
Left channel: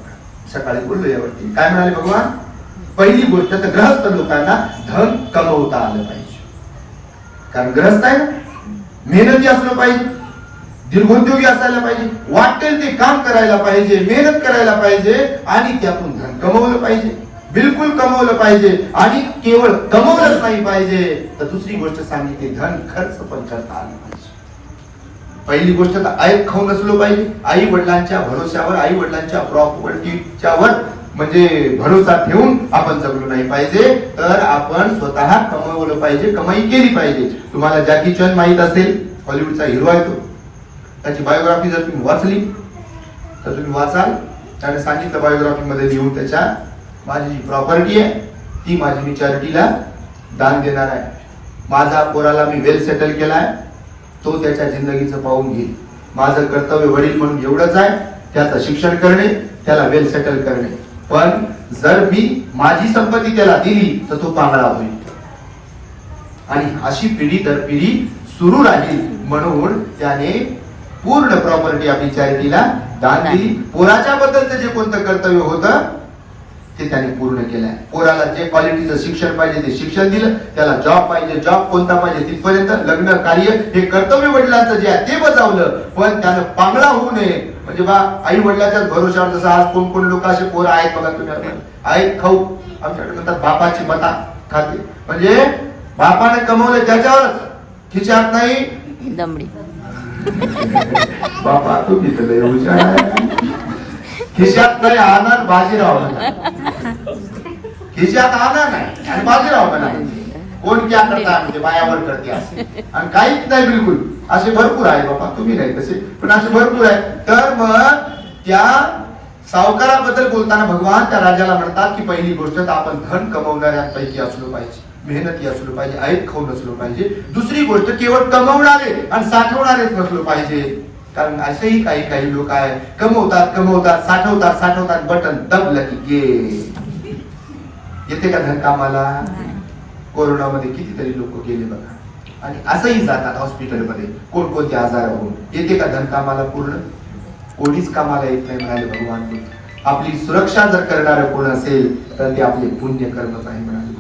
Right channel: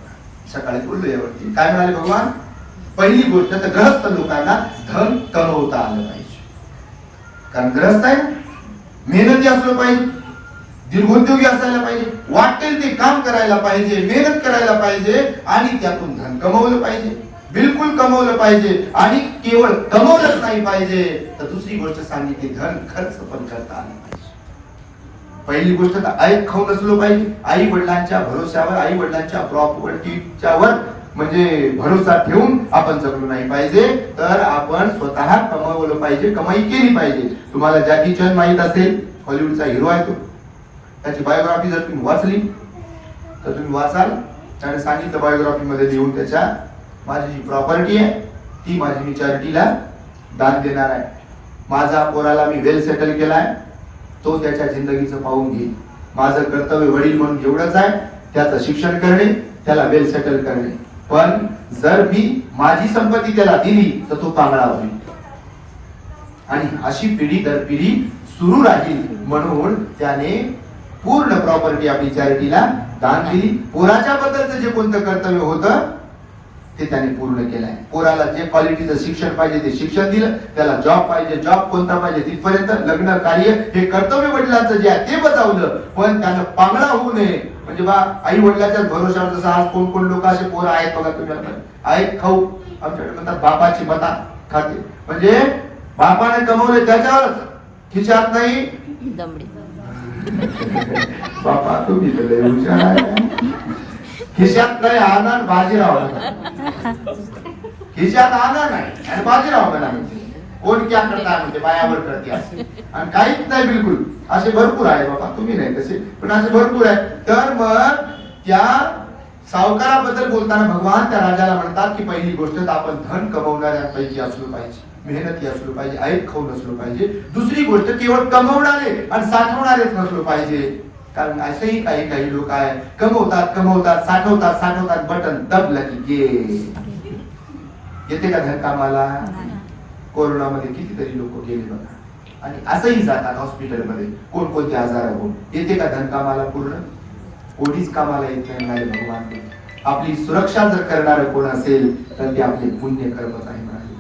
सकाळी बोललो यावरती. काय म्हणाले भगवान? पहिली गोष्ट तर गृहस्थ लोकांना धन कमवता आलं पाहिजे. कारण गृहस्थ आहे ना, मेहनती असलं पाहिजे, दीर्घोद्योगी असायला पाहिजे, वाटेल ते काम करायला पाहिजे, मेहनत करायला पाहिजे आणि त्यातून धन कमवलं पाहिजे, बिलकुल कमवलं पाहिजे. आणि केवळ कमवलंच नाही पाहिजे तर दुसरी गोष्ट सांगितली, धन खर्च पण करता आलं पाहिजे. पहिली गोष्ट तर ऐक खाऊ नसलो पाहिजे. आई वडिलांच्या भरोश्यावर, आई वडिलांच्या प्रॉपर्टीच्यावर म्हणजे भरोसा ठेवून आपण जगलो नाही पाहिजे, तर आपण स्वतः कमवलं पाहिजे, कमाई केली पाहिजे. तुम्हाला जॅकी चॅन माहित असेल, हॉलिवूडचा हिरो आहे तो. त्याची बायोग्राफी जर तुम्ही वाचली तर तुम्ही वाचाल, त्याने सांगितलं बायोग्राफी मध्ये लिहून त्याच्या, माझी जी प्रॉपर्टी आहे ती माझी मी चॅरिटीला दान देणार आहे. माझा पोराला मी वेल सेटल केलाय, तो त्याच्या जिंदगीचं पाहून घेईल. माझं कर्तव्य वडील म्हणून एवढंच आहे, त्याचं शिक्षण करणे, त्याला वेल सेटल करणे. पण जर मी माझी संपत्ती त्याला दिली तर तो पांगळा होईल आणि अशी पिढी दर पिढी सुरू राहील. म्हणून त्याने पूर्ण प्रॉपर्टी आपली चॅरिटीला दान दिली. पोराच्या बद्दलचं जे कोणतं कर्तव्य होतं ते त्याने पूर्ण केलंय. पोराला जे क्वालिटीचं शिक्षण पाहिजे ते शिक्षण दिलं, त्याला जॉब पाहिजे, जॉब कोणता पाहिजे तिथपर्यंत, लग्न कार्य हे कर्तव्य वडिलांचं जे आहे ते बजावलं. पण त्यानं पांगळा होऊ नये. म्हणजे बा आई वडिलाच्याच भरोशावर, जसं आज कोण कोण लोक असे पोरं आहेत बघा तुम्ही, आहेत खाऊ, आमच्याकडे म्हणतात बापाची मता खाते. म्हणजे बापाने कमवलं त्याच्यावरच, खिशात नाही. बापा तुम्ही तर लय हुशार, खिशात नाही आनंद बाजीराव म्हणा, खिशात आनंद नाही आणि बाजीराव म्हणा. म्हणजे कोण क्या करता म्हणजे बायावर करते असे, आणि काहीच नाही बिलकुल. असे भरपूर आहे बाबा, तुम्ही नाही तसे पण असे भरपूर आहे. तर मग त्या सावकाराबद्दल बोलताना भगवान त्या राजाला म्हणतात की पहिली गोष्ट तर आपण धन कमवणाऱ्यांपैकी असलो पाहिजे, मेहनती असलो पाहिजे, ऐक खाऊ नसलो पाहिजे. दुसरी गोष्ट केवळ कमवणारे आणि साठवणारेच नसलो पाहिजे. कारण असेही काही काही लोक आहे, कमवतात कमवतात, साठवतात साठवतात, बटन दबलं की गे. येते का धन कामाला? कोरोनामध्ये कितीतरी लोक गेले बघा, आणि असंही जातात हॉस्पिटलमध्ये कोणकोणते आजार होऊन. येते का धन कामाला? पूर्ण कोणीच कामाला येत नाही म्हणाले भगवान बुद्ध. आपली सुरक्षा जर करणार कोण असेल तर ते आपले पुण्य कर्मच आहे म्हणाले भगवान.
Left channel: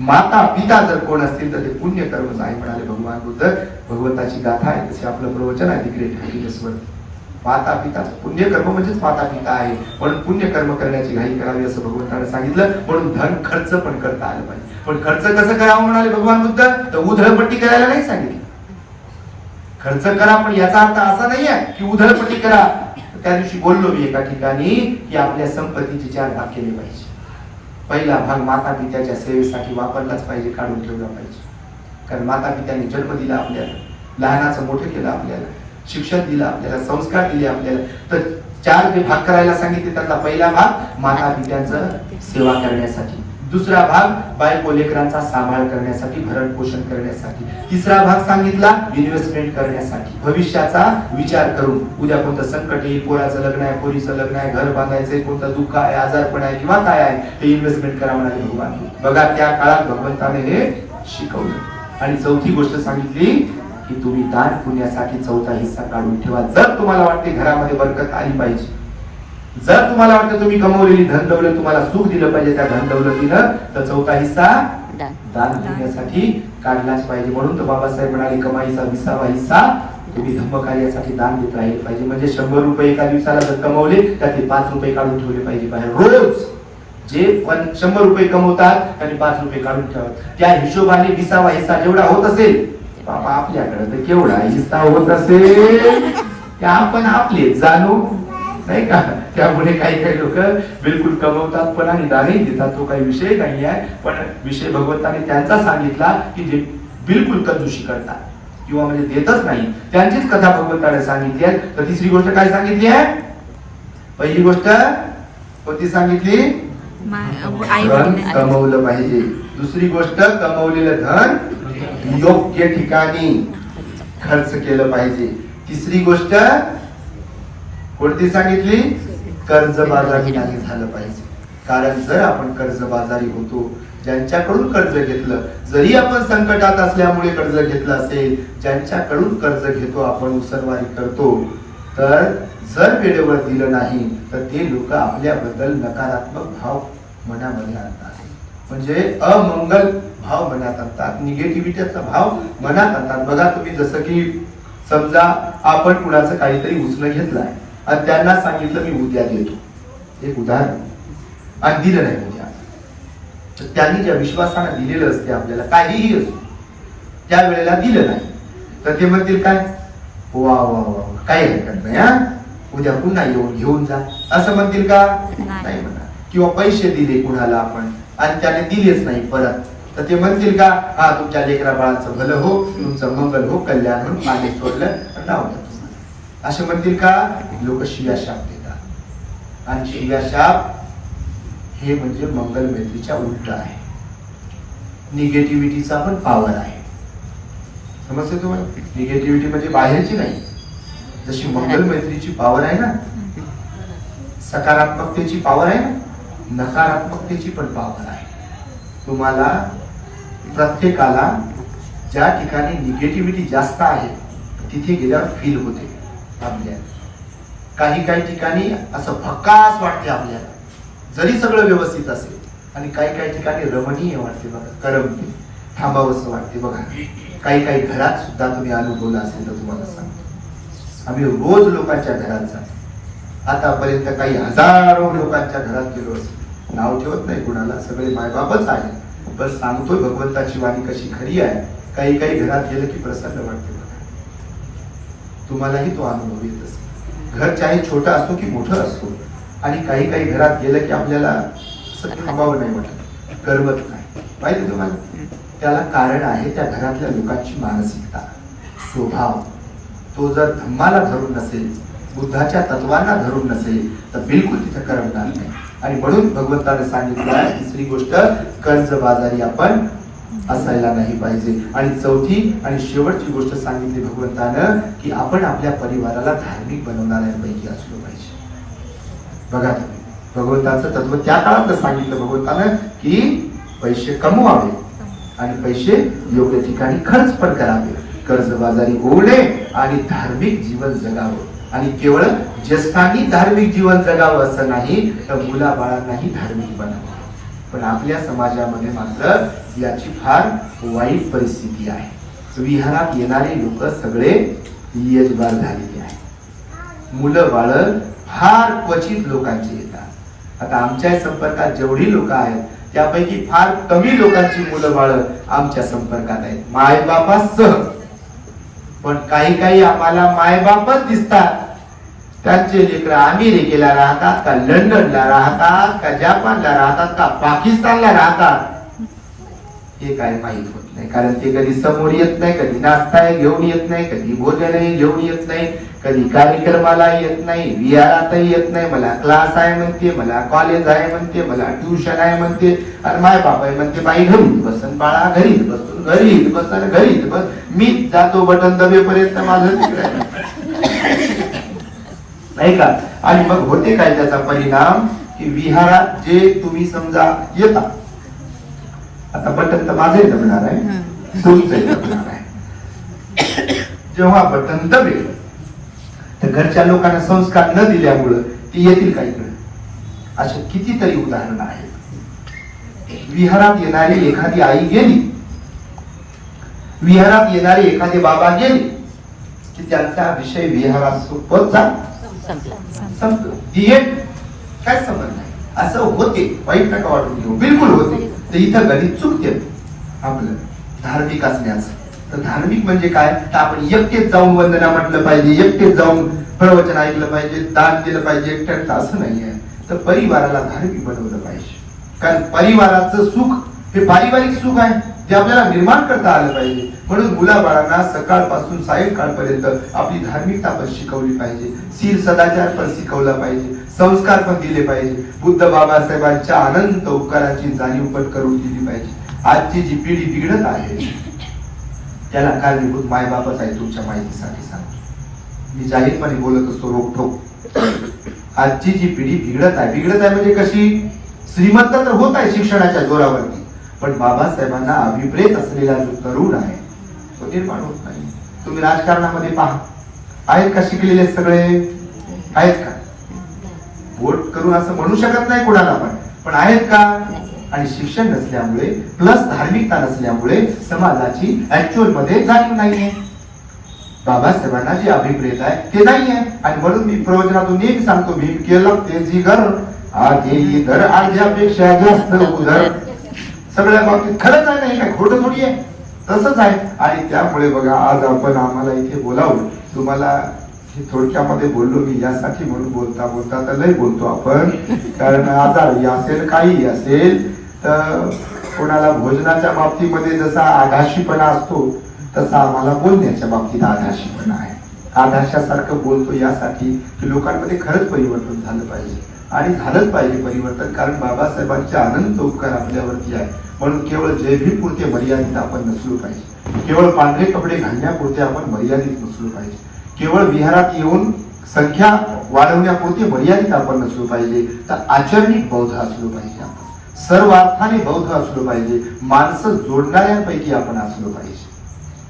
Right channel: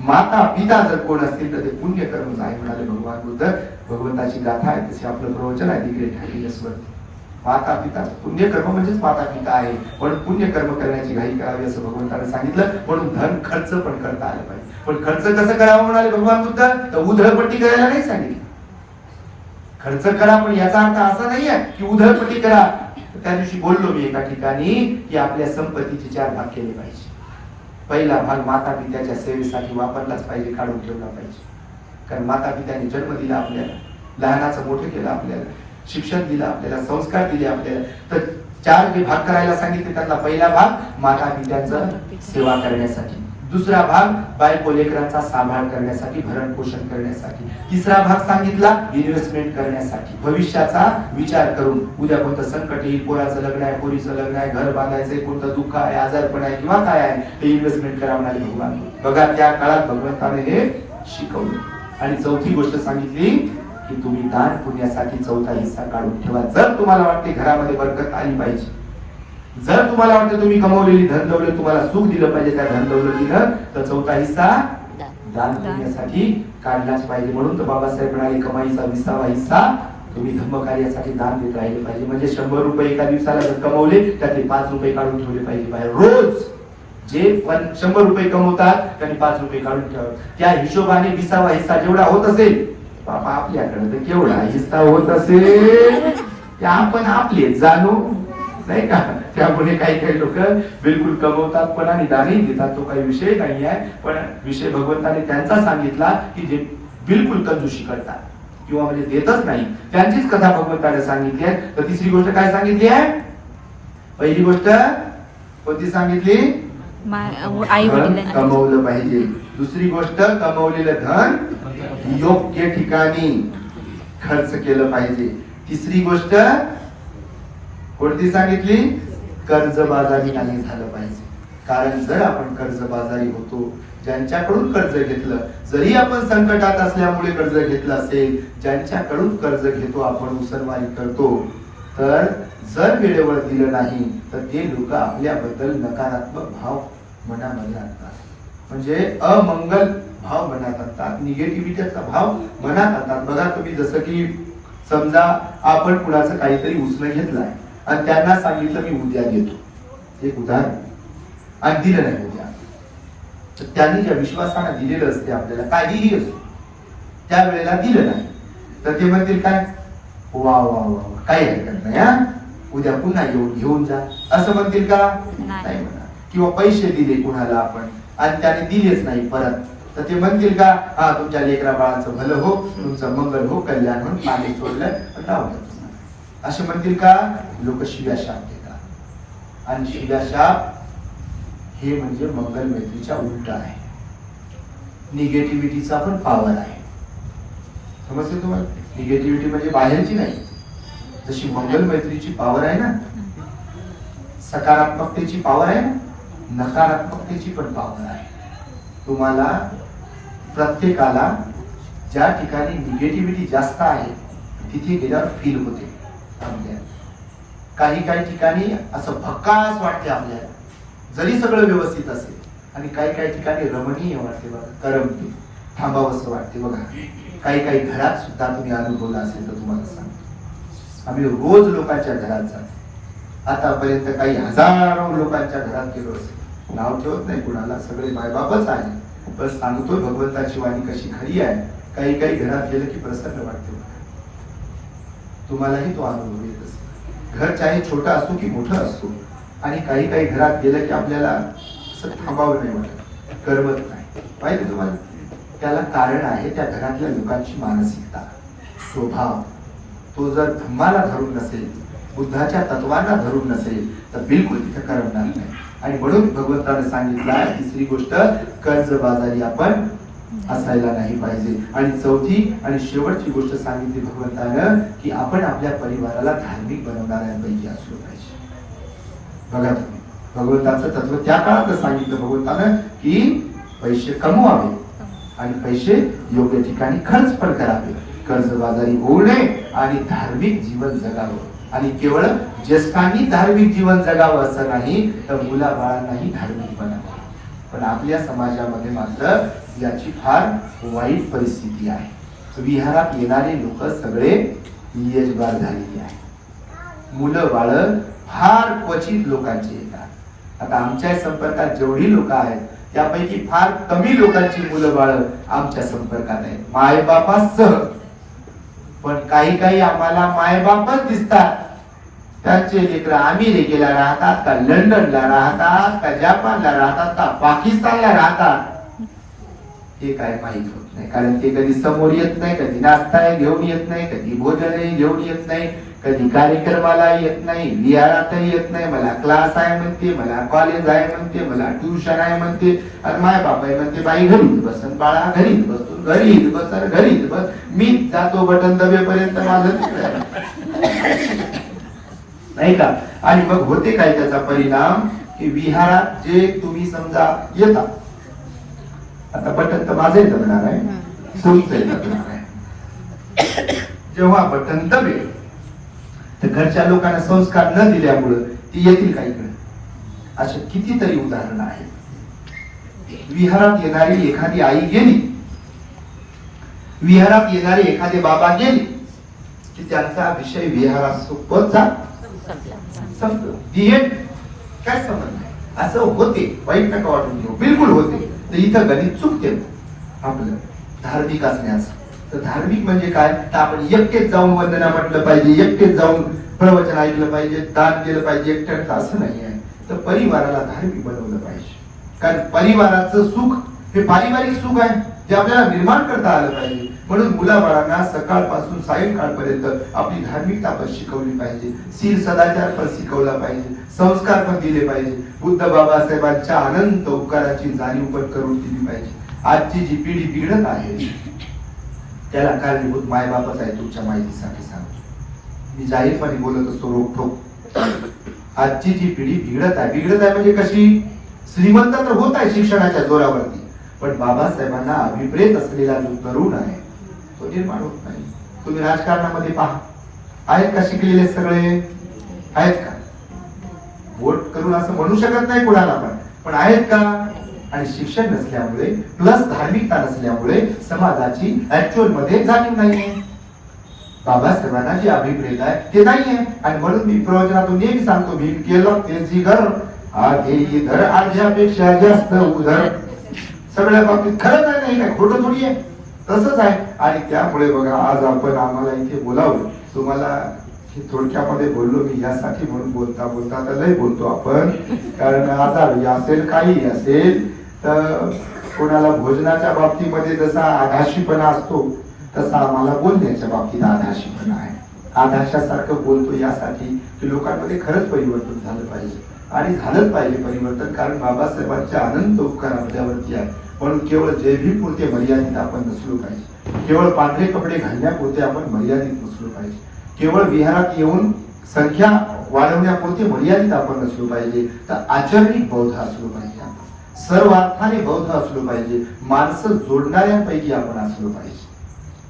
माता पिता जर कोण असतील तर ते पुण्य कर्मच आहे म्हणाले भगवान बुद्ध. भगवंताची गाथा आहे, तसे आपलं प्रवचन आहे दी ग्रेट हॅपीनेस वर. माता पिता पुण्यकर्म म्हणजेच माता पिता आहे, म्हणून पुण्यकर्म करण्याची घाई करावी असं भगवंताने सांगितलं. म्हणून धन खर्च पण करता आलं पाहिजे. पण खर्च कसं करावं म्हणाले भगवान बुद्ध? तर उधळपट्टी करायला नाही सांगितलं. खर्च करा पण याचा अर्थ असा नाहीये की उधळपट्टी करा. त्या दिवशी बोललो मी एका ठिकाणी की आपल्या संपत्तीचे 4 भाग केले पाहिजे. पहिला भाग माता पित्याच्या सेवेसाठी वापरलाच पाहिजे, काढून ठेवला पाहिजे. कारण माता पित्याने जन्म दिला आपल्याला, लहानाचं मोठं केलं आपल्याला, शिक्षण दिलं आपल्याला, संस्कार दिले आपल्याला. तर 4 जे भाग करायला सांगितले त्यातला पहिला भाग माता पित्यांचं सेवा करण्यासाठी, दुसरा भाग बायको लेकरांचा सांभाळ करण्यासाठी, भरण पोषण करण्यासाठी, तिसरा भाग सांगितला इन्व्हेस्टमेंट करण्यासाठी, भविष्याचा विचार करून. उद्या कोणतं संकट येईल, पोराचं लग्न आहे, पोरीचं लग्न आहे, घर बांधायचंय, कोणतं दुःख आहे, आजारपण आहे किंवा काय आहे, ते इन्व्हेस्टमेंट करा म्हणाले भगवान. बघा त्या काळात भगवंताने हे शिकवलं. आणि चौथी गोष्ट सांगितली की तुम्ही दान पुण्यासाठी 4था हिस्सा काढून ठेवा. जर तुम्हाला वाटते घरामध्ये बरकत आली पाहिजे, जर तुम्हाला वाटतं तुम्ही कमवलेली धन दौलत तुम्हाला सुख दिलं पाहिजे त्या धन दौलतीनं, तर 4था हिस्सा दान पुण्यासाठी काढलाच पाहिजे. म्हणून तर बाबासाहेब म्हणाले कमाईचा 20वा हिस्सा तुम्ही धम्मकार्यासाठी दान देत राहिले पाहिजे. म्हणजे 100 रुपये एका दिवसाला जर कमवले त्यातले 5 रुपये काढून ठेवले पाहिजे बाहेर. रोज जे 100 रुपये कमवतात त्यांनी 5 रुपये काढून ठेवा. त्या हिशोबाने 20वा हिस्सा जेवढा होत असेल, बाबा आपल्याकडे तर केवढा हिस्सा होत असेल त्या आपण आपले जाणू नाही का. त्यामुळे काही काही लोक बिलकुल कमवतात पण आणि दानही देतात, तो काही विषय नाही आहे. पण विषय भगवंताने त्यांचा सांगितला की जे बिलकुल कंजूशी करतात किंवा म्हणजे देतच नाही, त्यांचीच कथा भगवंताने सांगितली आहे. तर तिसरी गोष्ट काय सांगितली आहे? पहिली गोष्ट कोणती सांगितली? धन कमवलं पाहिजे. दुसरी गोष्ट कमवलेलं धन योग्य ठिकाणी खर्च केलं पाहिजे. तिसरी गोष्ट कोणती सांगितली? कर्जबाजारी नाही झालं पाहिजे. कारण जर आपण कर्जबाजारी होतो, ज्यांच्याकडून कर्ज घेतलं, जरी आपण संकटात असल्यामुळे कर्ज घेतलं असेल, ज्यांच्याकडून कर्ज घेतो आपण, उसरवारी करतो, तर जर वेळेवर दिलं नाही तर ते लोक आपल्याबद्दल नकारात्मक भाव मनामध्ये आणतात, म्हणजे अमंगल भाव मनात आणतात, निगेटिव्हिटीचा भाव मनात आणतात. बघा तुम्ही, जसं की समजा आपण कुणाचं काहीतरी उचलून घेतलंय आणि त्यांना सांगितलं मी उद्या देतो, एक उदाहरण, आणि दिलं नाही उद्या, तर त्यांनी ज्या विश्वासाने दिलेलं असते आपल्याला काहीही असो, त्या वेळेला दिलं नाही तर ते म्हणतील काय, वा वा वा काही हरकत नाही, हा उद्या पुन्हा येऊन घेऊन जा, असं म्हणतील का? नाही म्हणा. किंवा पैसे दिले कुणाला आपण आणि त्याने दिलेच नाही परत, तर ते म्हणतील का, हा तुमच्या लेकरा बाळाचं भलं हो, तुमचं मंगल हो, कल्याण हो, मागे सोडलं नाव द्या तुम्हाला, असे म्हणतील का? लोक शिव्याशाप देतात, आणि शिव्याशाप हे म्हणजे मंगल मैत्रीच्या उलट आहे, निगेटिव्हिटीचा पण पॉवर आहे. समजते तुम्हाला? निगेटिव्हिटी म्हणजे बाहेरची नाही, जशी मंगल मैत्रीची पॉवर आहे ना, सकारात्मकतेची पॉवर आहे ना, नकारात्मकतेची पण पॉवर आहे. तुम्हाला प्रत्येकाला ज्या ठिकाणी निगेटिव्हिटी जास्त आहे तिथे गेल्यावर फील होते आपल्याला. काही ठिकाणी असं भक्कास वाटते आपल्याला, जरी सगळं व्यवस्थित असेल, आणि काही ठिकाणी रमणीय वाटते बघा, करमते, थांबावंसं वाटते बघा. काही घरात सुद्धा तुम्ही अनुभवला असेल तर तुम्हाला सांगतो, आम्ही रोज लोकांच्या घरात जातो, आतापर्यंत काही हजारो लोकांच्या घरात गेलो असेल, नाव ठेवत नाही कुणाला, सगळे मायबापच आहे, पण सांगतोय भगवंताची वाणी कशी खरी आहे. काही घरात गेलं की प्रसन्न वाटते बघा, तुम्हालाही तो अनुभव येत असेल. घर चाहे छोटा असो की मोठं असो, आणि काही घरात गेलं की आपल्याला असं थांबावं नाही वाटत, करमत नाही. माहिती तुम्हाला? त्याला कारण आहे त्या घरातल्या लोकांची मानसिकता, स्वभाव. तो जर धम्माला धरून नसेल, बुद्धाच्या तत्वांना धरून नसेल तर बिलकुल तिथे करमणार नाही. आणि म्हणून भगवंताने सांगितलं तिसरी गोष्ट, कर्जबाजारी आपण असायला नाही पाहिजे. आणि चौथी आणि शेवटची गोष्ट सांगितली भगवंतानं की आपण आपल्या परिवाराला धार्मिक बनवणाऱ्यांपैकी असलो पाहिजे. बघा तुम्ही, भगवंताचं तत्व त्या काळात सांगितलं भगवंतानं की पैसे कमवावे आणि पैसे योग्य ठिकाणी खर्च पण करावे, कर्जबाजारी होऊ नये आणि धार्मिक जीवन जगावं. आणि केवळ ज्येष्ठांनी धार्मिक जीवन जगावं असं नाही, तर मुलाबाळांनाही धार्मिक बनावं. पण आपल्या समाजामध्ये मात्र याची फार वाईट परिस्थिती आहे. विहारात येणारे लोक सगळे यजबार झालेली आहे, मुलं बाळ फार क्वचित लोकांची येतात. आता आमच्या संपर्कात जेवढी लोक आहेत त्यापैकी फार कमी लोकांची मुलं बाळ आमच्या संपर्कात आहेत, मायबापासह. पण काही आम्हाला मायबापच दिसतात, त्यांचे लेकर अमेरिकेला राहतात का, लंडनला राहतात का, जपानला राहतात का, पाकिस्तानला राहतात, हे काय माहित होत नाही. कारण ते कधी समोर येत नाही, कधी नाश्ता घेऊन येत नाही, कधी भोजन घेऊन येत नाही, कधी कार्यक्रमाला येत नाही, विहारातही येत नाही. मला क्लास आहे म्हणते, मला कॉलेज आहे म्हणते, मला ट्युशन आहे म्हणते, आणि माय बाबा म्हणते बाई घरीच बसन बाळा, घरीच बसून घरीच बसन घरीच बस, मीच जातो बटन दबेपर्यंत माझं नाही का. आणि मग होते काय त्याचा परिणाम की विहारात जे तुम्ही समजा येता, आता बटन तर माझंही दबणार आहे, तुमचंही दबणार आहे. जेव्हा बटन दबेल तर घरच्या लोकांना संस्कार न दिल्यामुळं ती येतील का इकडे? असे कितीतरी उदाहरण आहेत. विहारात येणारी एखादी आई गेली, विहारात येणारे एखादे बाबा गेले की त्यांचा विषय विहारात संपला, काय संबंध नाही. असं होते, वाईट नका वाटून घेऊ, बिलकुल होते. तर इथं गणित चुकते आपलं धार्मिक असण्याचं. तर धार्मिक म्हणजे काय, तर आपण एकटेच जाऊन वंदना म्हटलं पाहिजे, एकटेच जाऊन प्रवचन ऐकलं पाहिजे, दान दिलं पाहिजे एकट्याचं, असं नाही आहे. तर परिवाराला धार्मिक बनवलं पाहिजे. कारण परिवाराचं सुख हे पारिवारिक सुख आहे, ते आपल्याला निर्माण करता आलं पाहिजे. म्हणून मुलाबाळांना सकाळपासून सायंकाळपर्यंत आपली धार्मिकता पण शिकवली पाहिजे, शील सदाचार पण शिकवला पाहिजे, संस्कार पण दिले पाहिजे, बुद्ध बाबासाहेबांच्या अनंत उपकाराची जाणीव पण करून दिली पाहिजे. आजची जी पिढी बिघडत आहे त्याला कारणीभूत मायबापच आहे. तुमच्या माहितीसाठी सांगतो, मी जाहीरपणे बोलत असतो रोखोक. आजची जी पिढी बिघडत आहे म्हणजे कशी, श्रीमंत तर होत आहे शिक्षणाच्या जोरावरती, पण बाबासाहेबांना अभिप्रेत असलेला जो तरुण आहे तो निर्माण होत नाही. तुम्ही राजकारणामध्ये पहा, आहेत का शिकलेले सगळे? आहेत का? वोट करून असं म्हणू शकत नाही कोणाला पण आहेत का? आणि शिक्षण नसल्यामुळे प्लस धार्मिकता नसल्यामुळे समाजाची ऍक्च्युअल मध्ये जाणीव नाहीये. बाबासाहेबांना जे अभिप्रेत आहे ते नाहीये. आणि म्हणून मी प्रवचनातून नेहमी सांगतो, भीम केलं तेजी घर आधी इधर अर्ध्यापेक्षा जास्त उधर. सगळ्या बाबतीत खरंच आहे, नाही काय खोटं थोडी आहे, तसंच आहे. आणि त्यामुळे बघा आज आपण आम्हाला इथे बोलावलं. तुम्हाला थोडक्यामध्ये बोललो मी यासाठी, म्हणून बोलता बोलता तर लय बोलतो आपण, कारण आजारी असेल काही असेल तर कोणाला भोजनाच्या बाबतीमध्ये जसा आधाशीपणा असतो तसा आम्हाला बोलण्याच्या बाबतीत आधाशीपणा आहे. आधाशासारखं बोलतो यासाठी की लोकांमध्ये खरंच परिवर्तन झालं पाहिजे. आणि झालंच पाहिजे परिवर्तन, कारण बाबासाहेबांचे अनंत उपकार आपल्यावरती आहे. म्हणून केवळ जयभीम पुरते मर्यादित आपण नसलो पाहिजे. केवळ पांढरे कपडे घालण्यापुरते आपण मर्यादित नसलो पाहिजे. केवळ विहारात येऊन संख्या वाढवण्यापुरते मर्यादित आपण नसलो पाहिजे. तर आचरणिक बौद्ध असलो पाहिजे आपण. सर्वार्थाने बौद्ध असलो पाहिजे. माणसं जोडणाऱ्यांपैकी आपण असलो पाहिजे.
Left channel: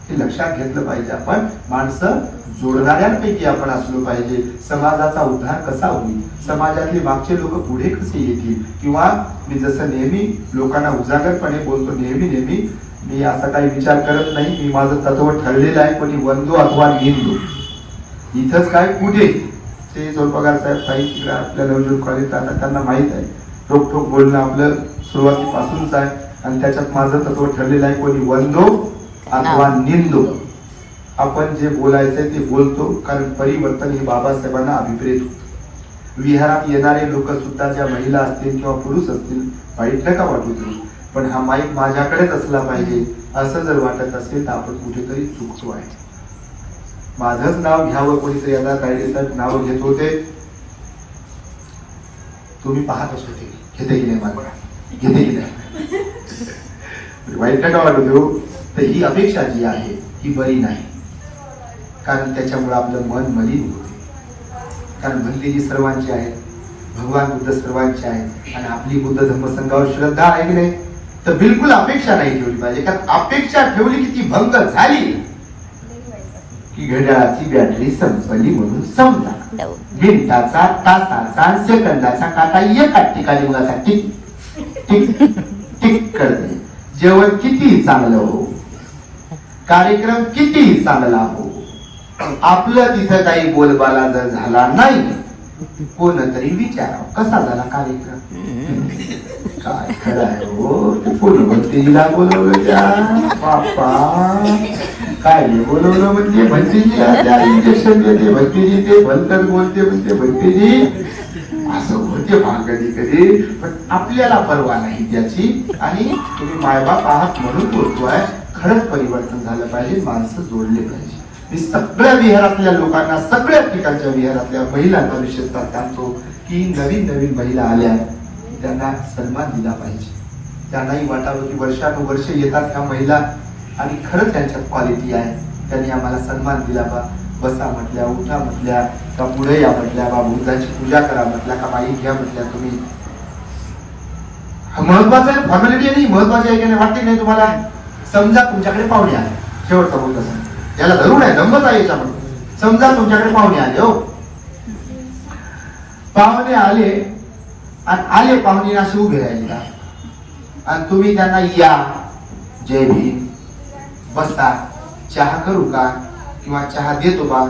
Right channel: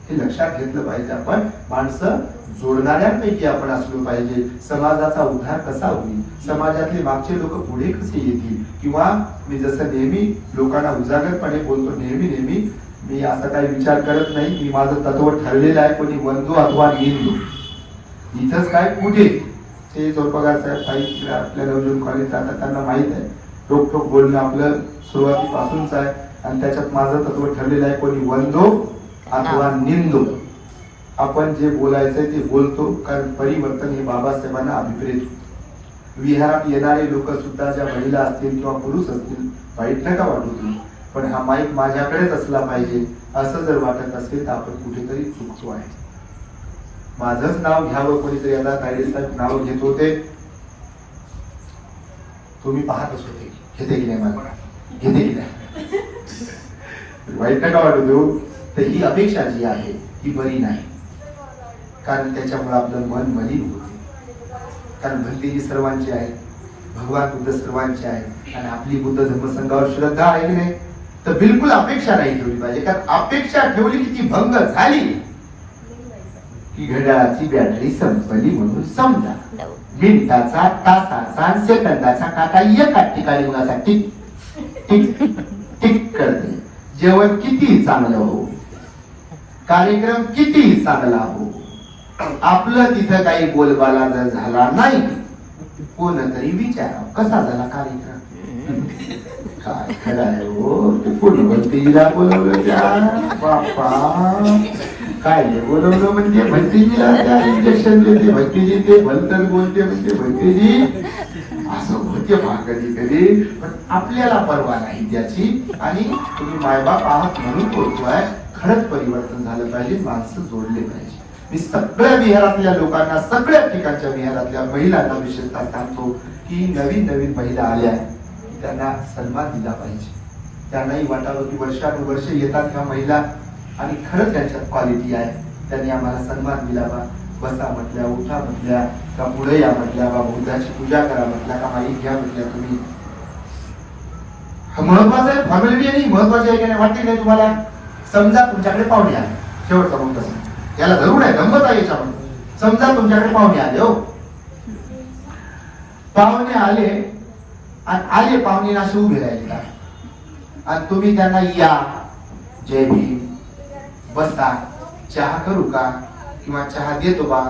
हे लक्षात घेतलं पाहिजे. आपण माणसं जोडणाऱ्यांपैकी आपण असलो पाहिजे. समाजाचा उद्धार कसा होईल, समाजातले मागचे लोक पुढे कसे येतील, किंवा मी जसं नेहमी लोकांना उजागरपणे बोलतो, नेहमी मी असा काही विचार करत नाही. मी माझं तत्व ठरलेलं आहे, कोणी वंदो अथवा निंदो. इथंच काय कुठे ते जोरपगार साहेब काही आपल्या नवजोत कॉलेजला त्यांना माहित आहे, रोखोक बोलणं आपलं सुरुवातीपासूनच आहे. आणि त्याच्यात माझं तत्व ठरलेलं आहे, कोणी वंदो अथवा निंदो. आपण जे बोलायचंय ते बोलतो, कारण परिवर्तन हे बाबासाहेबांना अभिप्रेत होतं. विहारात येणारे लोक सुद्धा, ज्या महिला असतील किंवा पुरुष असतील, वाईट नका वाटू तुम्ही, पण हा माईक माझ्याकडेच असला पाहिजे असं जर वाटत असेल तर आपण कुठेतरी चुकतो आहे. माझंच नाव घ्यावं कोणीतरी, आता तायडे साहेब नाव घेत होते, तुम्ही पाहतच होते, घेते की नाही मला, घेते की नाही, वाईट नका वाटू देऊ. तर ही अपेक्षा जी आहे ही बरी नाही, कारण त्याच्यामुळे आपलं मन मलिन होते. कारण भक्ती जी सर्वांची आहे, भगवान बुद्ध सर्वांचे आहेत, आणि आपली बुद्ध धर्मसंघावर श्रद्धा आहे की नाही, तर बिलकुल अपेक्षा नाही ठेवली पाहिजे. कारण अपेक्षा ठेवली की ती भंग झाली की घड्याळाची बॅटरी संपली म्हणून समजा. मिनिटाचा, तासाचा, सेकंदाचा काटा एका ठिकाणी उगाचा टिक टिक टिक करते. जेवण किती चांगलं हो, कार्यक्रम किती चांगला हो, आपलं तिथं काही बोलबाला जर झाला नाही, कोणतरी विचारा कसा झाला कार्यक्रम. काय खरं आहे हो, ते फुलभक्तीला बोलवलं त्या बाप्पा, काय बोलवलं म्हणजे भक्तीला त्या इंजेक्शन देते, भक्तीजी ते भलकर बोलते म्हणते, भक्तीजी असं होते कधी कधी. पण आपल्याला परवा नाही त्याची, आणि तुम्ही मायबाप आहात म्हणून बोलतोय. खरंच परिवर्तन झालं पाहिजे, माणसं जोडले पाहिजे. मी सगळ्या विहारातल्या लोकांना, सगळ्या ठिकाणच्या विहारातल्या महिलांना विशेषतः सांगतो की नवीन महिला आल्या त्यांना सन्मान दिला पाहिजे. त्यांनाही वाटावं की वर्षानुवर्ष येतात ह्या महिला आणि खरंच त्यांच्यात क्वालिटी आहे. त्यांनी आम्हाला सन्मान दिला बा, बसा म्हटल्या, उठा म्हटल्या, का पुढे या म्हटल्या, बा बुद्धाची पूजा करा म्हटल्या, का माई घ्या म्हटल्या तुम्ही. महत्वाचं आहे, फॉर्मॅलिटी नाही महत्वाची आहे की नाही, वाटते नाही तुम्हाला. समजा तुमच्याकडे पाहुणे आले, शेवटचा मुद्दा याला धरून आहे, गंमत आहे याच्यामध्ये. समजा तुमच्याकडे पाहुणे आले, हो पाहुणे आले आणि आले पाहुणे असे उभे राहिले आणि तुम्ही त्यांना या, जय भीम, बसा, चहा करू का, किंवा चहा देतो बा,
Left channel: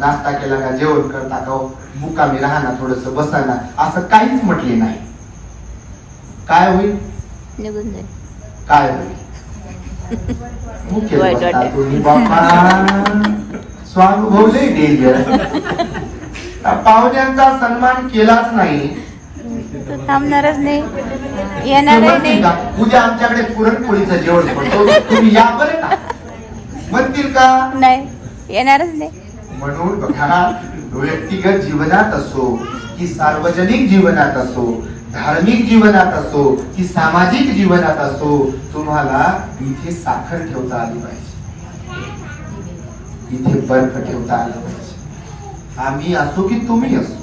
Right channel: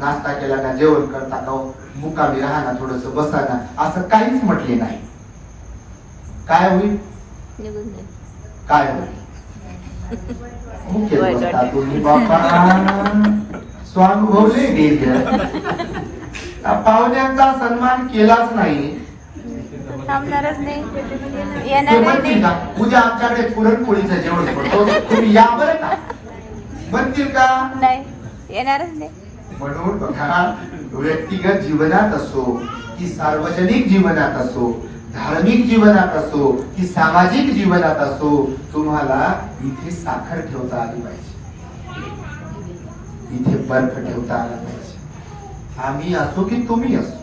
नाश्ता केला का, जेवण करता का, मुकामी राहा ना, थोडस बसा ना, असं काहीच म्हटले नाही. काय होईल, काय होईल, मुकेल बसता तुम्ही बापा, स्वानुभवले डेंजर. पाहुण्यांचा सन्मान केलाच नाही, थांबणारच नाही, उद्या आमच्याकडे पुरणपोळीचं जेवण करतो, तुम्ही या बरं का, म्हणतील का नाही, येणारच नाही. म्हणून बघा, व्यक्तिगत जीवनात असो की सार्वजनिक जीवनात असो, धार्मिक जीवनात असो की सामाजिक जीवनात असो, तुम्हाला इथे साखर ठेवता आली पाहिजे, इथे बर्फ ठेवता आला पाहिजे. आम्ही असो की तुम्ही असो,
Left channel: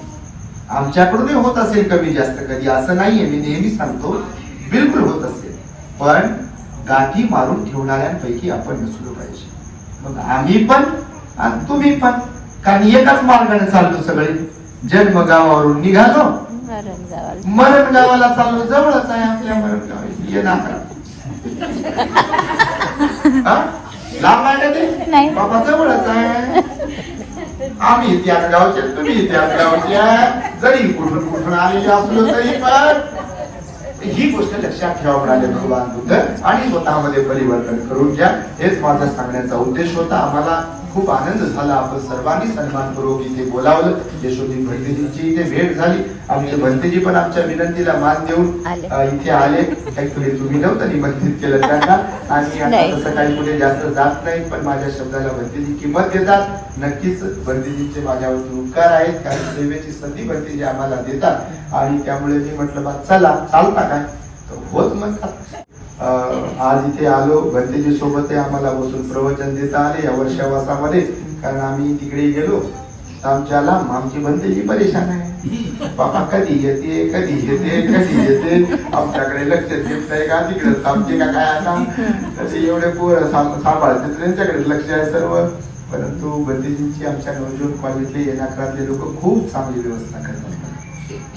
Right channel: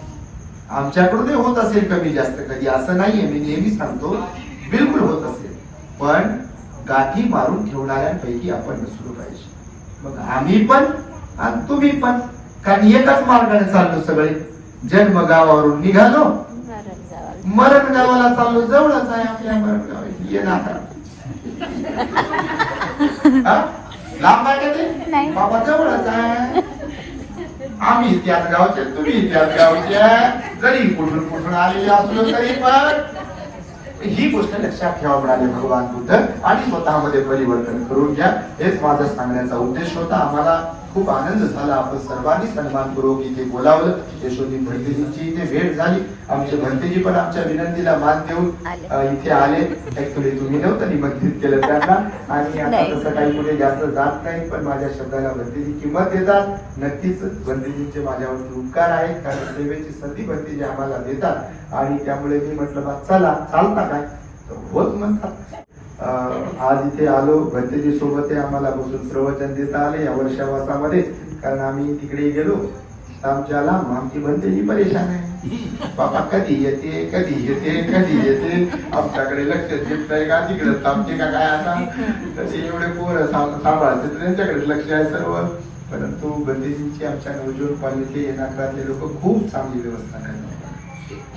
आमच्याकडून होत असेल कमी जास्त कधी, असं नाहीये, मी नेहमी सांगतो, बिलकुल होत असेल, पण गाठी मारून ठेवणाऱ्यांपैकी आपण नसलो पाहिजे. मग आम्ही पण आणि तुम्ही पण, कारण एकाच मार्गाने चाललो सगळे, जन्म गावावरून निघालो, मरण जावं. मरण गावाला चाललो. जवळच आहे आपल्या मरण गाव, ये नाकरा. हा? लांब आहे का ते? नाही. बाबा जवळच आहे. आम्ही त्याच गावचे, तुम्ही त्याच गावचे, जरी कुठून आलेले असलो तरी पण ही गोष्ट लक्षात ठेवा म्हणाले भगवान बुद्ध, आणि स्वतःमध्ये परिवर्तन करून घ्या. हेच माझा सांगण्याचा उद्देश होता. आम्हाला खूप आनंद झाला, आपण सर्वांनी सन्मानपूर्वक इथे बोलावलं. यशोदी भंतेजींची इथे भेट झाली. आमचे भंतेजी पण आमच्या विनंतीला मान देऊन इथे आले. ऍक्च्युली तुम्ही नव्हतं निमंत्रित केलं त्यांना, आणि आता तसं काही कुठे जास्त जात नाही, पण माझ्या शब्दाला भंतेजी किंमत देतात. नक्कीच भंतेजींचे माझ्यावरती उपकार आहेत, कारण सेवेची संधी भंतेजी आम्हाला देतात, आणि त्यामुळे मी म्हटलं बा चला, चालता काय तर होत म्हणतात. आज इथे आलो, भंतेजी सोबत आम्हाला बसून प्रवचन देता आले या वर्षावासामध्ये, कारण आम्ही तिकडे गेलो आमच्या लांब. आमची भंतेजी परेशान आहे, बाबा कधी येते कधी येते कधी येते, आमच्याकडे लक्ष देत नाही का, तिकडे थांबते का काय. आता तसे एवढे पोर सांभाळते, त्यांच्याकडे लक्ष आहे सर्व. परंतु भंतेजींची आमच्या नवजोत कॉलेजले येणाकरातले लोक खूप चांगली व्यवस्था करतात,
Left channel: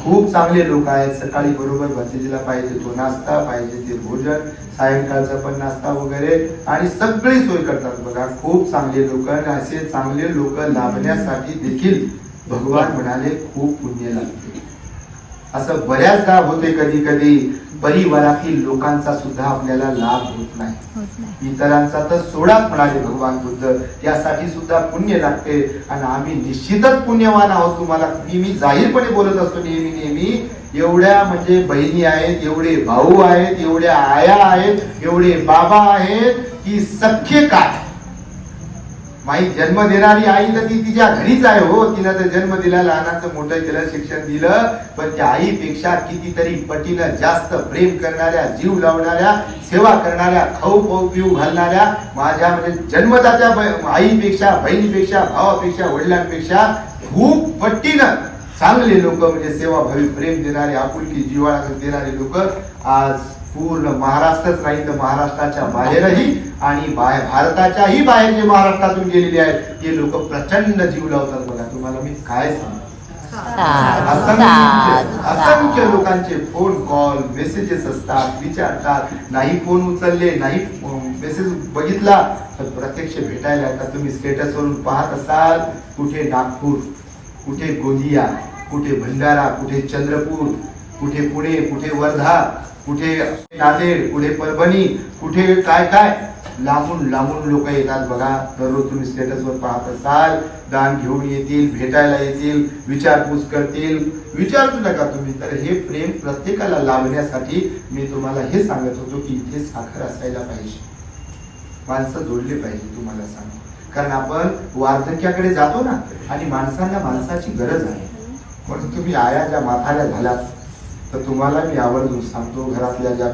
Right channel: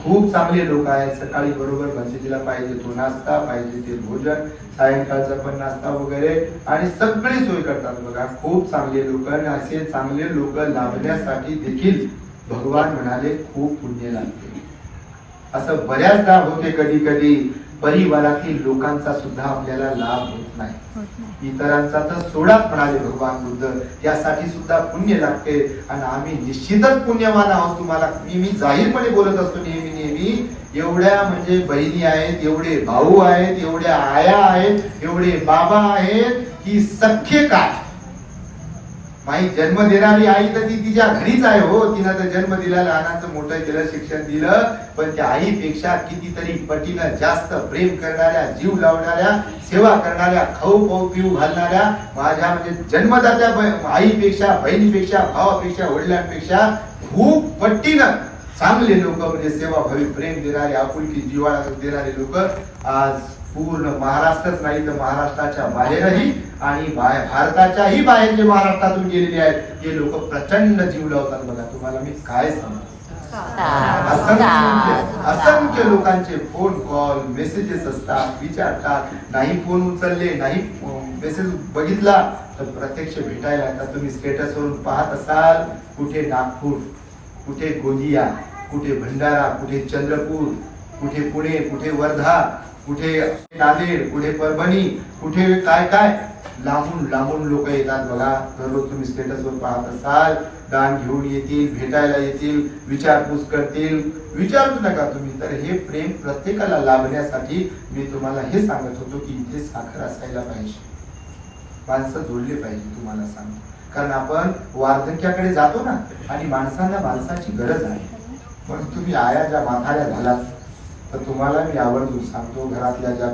खूप चांगले लोक आहेत. सकाळी बरोबर भंतेजीला पाहिजे तो नाश्ता, पाहिजे ते भोजन, सायंकाळचा पण नाश्ता वगैरे, आणि सगळी सोय करतात. बघा खूप चांगले लोक, आणि असे चांगले लोक लाभण्यासाठी देखील भगवान म्हणाले खूप पुण्य लागते. असं बऱ्याचदा होते, कधी कधी परिवारातील लोकांचा सुद्धा आपल्याला लाभ होत नाही. इतरांचा तर सोडाच म्हणाले भगवान बुद्ध, त्यासाठी सुद्धा पुण्य लागते. आणि आम्ही निश्चितच पुण्यवान आहोत. तुम्हाला मी जाहीरपणे बोलत असतो नेहमी, एवढ्या म्हणजे बहिणी आहेत, एवढे भाऊ आहेत, एवढ्या आया आहेत, एवढे बाबा आहेत की सख्खे काय. माई जन्म देणारी आई तर ती तिच्या घरीच आहे हो. तिनं तर जन्म दिला, लहानाचं मोठं केलं, शिक्षण दिलं, पण त्या आईपेक्षा कितीतरी पटीनं जास्त प्रेम करणाऱ्या, जीव लावणाऱ्या, सेवा करणाऱ्या, खाऊ पिऊ घालणाऱ्या, माझ्या म्हणजे जन्मदात्या आईपेक्षा, बहिणीपेक्षा, भावापेक्षा, वडिलांपेक्षा खूप पटीनं चांगले लोक, म्हणजे सेवाभावी प्रेम देणारे, आपुलकी जिव्हाळा देणारे लोक आज पूर्ण महाराष्ट्रच नाही तर महाराष्ट्राच्या बाहेरही, आणि भारताच्याही बाहेर जे महाराष्ट्रातून गेलेले आहेत ते लोक प्रचंड जीव लावतात. बघा तुम्हाला मी काय सांगतो, असंख्य लोकांचे फोन कॉल, मेसेजेस असतात, विचारतात. नाही फोन उचलले, नाही मेसेज बघितला तर प्रत्यक्ष भेटायला येतात. तुम्ही स्टेटस वरून पाहत असाल, कुठे नागपूर, कुठे गोंदिया, कुठे भंडारा, कुठे चंद्रपूर, कुठे पुणे, कुठे वर्धा, कुठे नांदेड, कुठे परभणी, कुठे काय काय लांबून लांबून लोक येतात. बघा दररोज तुम्ही स्टेटसवर पाहत असाल, दान घेऊन येतील, भेटायला येतील, विचारपूस करतील. विचारतो नका तुम्ही. तर हे प्रेम प्रत्येकाला लाभण्यासाठी मी तुम्हाला हे सांगत होतो की इथे साखर असायला पाहिजे, माणसं जोडले पाहिजे. तुम्हाला सांगतो, कारण आपण वार्धक्याकडे जातो ना, आणि माणसांना माणसाची गरज आहे. पण तुम्ही आया ज्या म्हाताऱ्या झालात तर तुम्हाला मी आवर्जून सांगतो, घरातल्या ज्या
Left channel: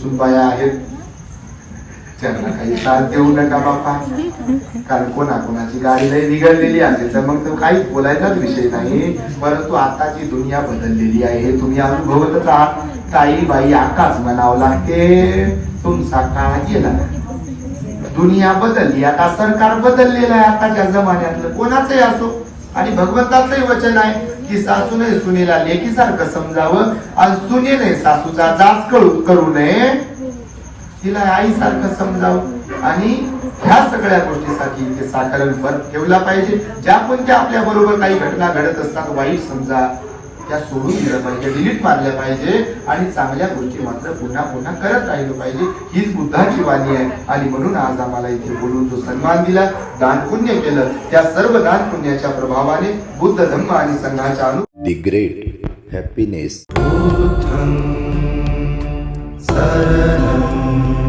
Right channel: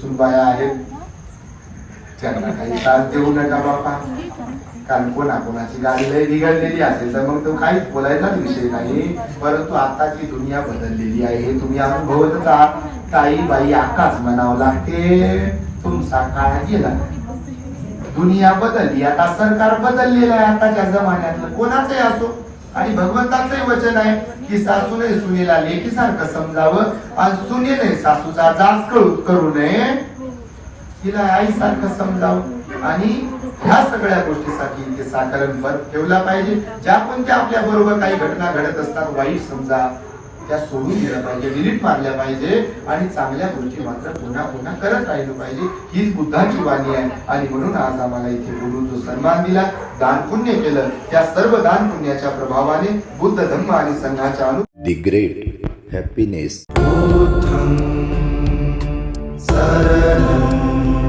सुनबाया आहेत त्यांना काही त्रास देऊ नका बाप्पा. कारण कोणाची गाडी लई बिघडलेली असेल तर मग तो काहीच बोलायचाच विषय नाही. परंतु आताची दुनिया बदललेली आहे, हे तुम्ही अनुभवतच आहात. काही बाई आकाश म्हणावं लागते. तुमचा काळ गेला, दुनिया बदलली, आता सरकार बदललेलं आहे आताच्या जमान्यातलं, कोणाचंही असो. आणि भगवंताचंही वचन आहे की सासूने सुनेला लेकीसारखं समजावं, आणि सुनेने सासूचा जाच करू नये, तिला आईसारखं समजावं. आणि ह्या सगळ्या गोष्टीसाठी इथे साधारण बर्फ ठेवला पाहिजे. ज्या कोणत्या आपल्या बरोबर काही घटना घडत असतात, वाईट समजा, त्या सोडून दिल्या पाहिजे, डिलीट मारल्या पाहिजे, आणि चांगल्या गोष्टी मात्र पुन्हा पुन्हा करत राहिलं पाहिजे. हीच बुद्धाची वाणी आहे. आणि म्हणून आज आम्हाला इथे बोलून जो सन्मान दिला, दान पुण्य केलं, त्या सर्व दान पुण्याच्या प्रभावाने बुद्ध धम्म आणि संघाच्या The great happiness. बुद्धं शरणं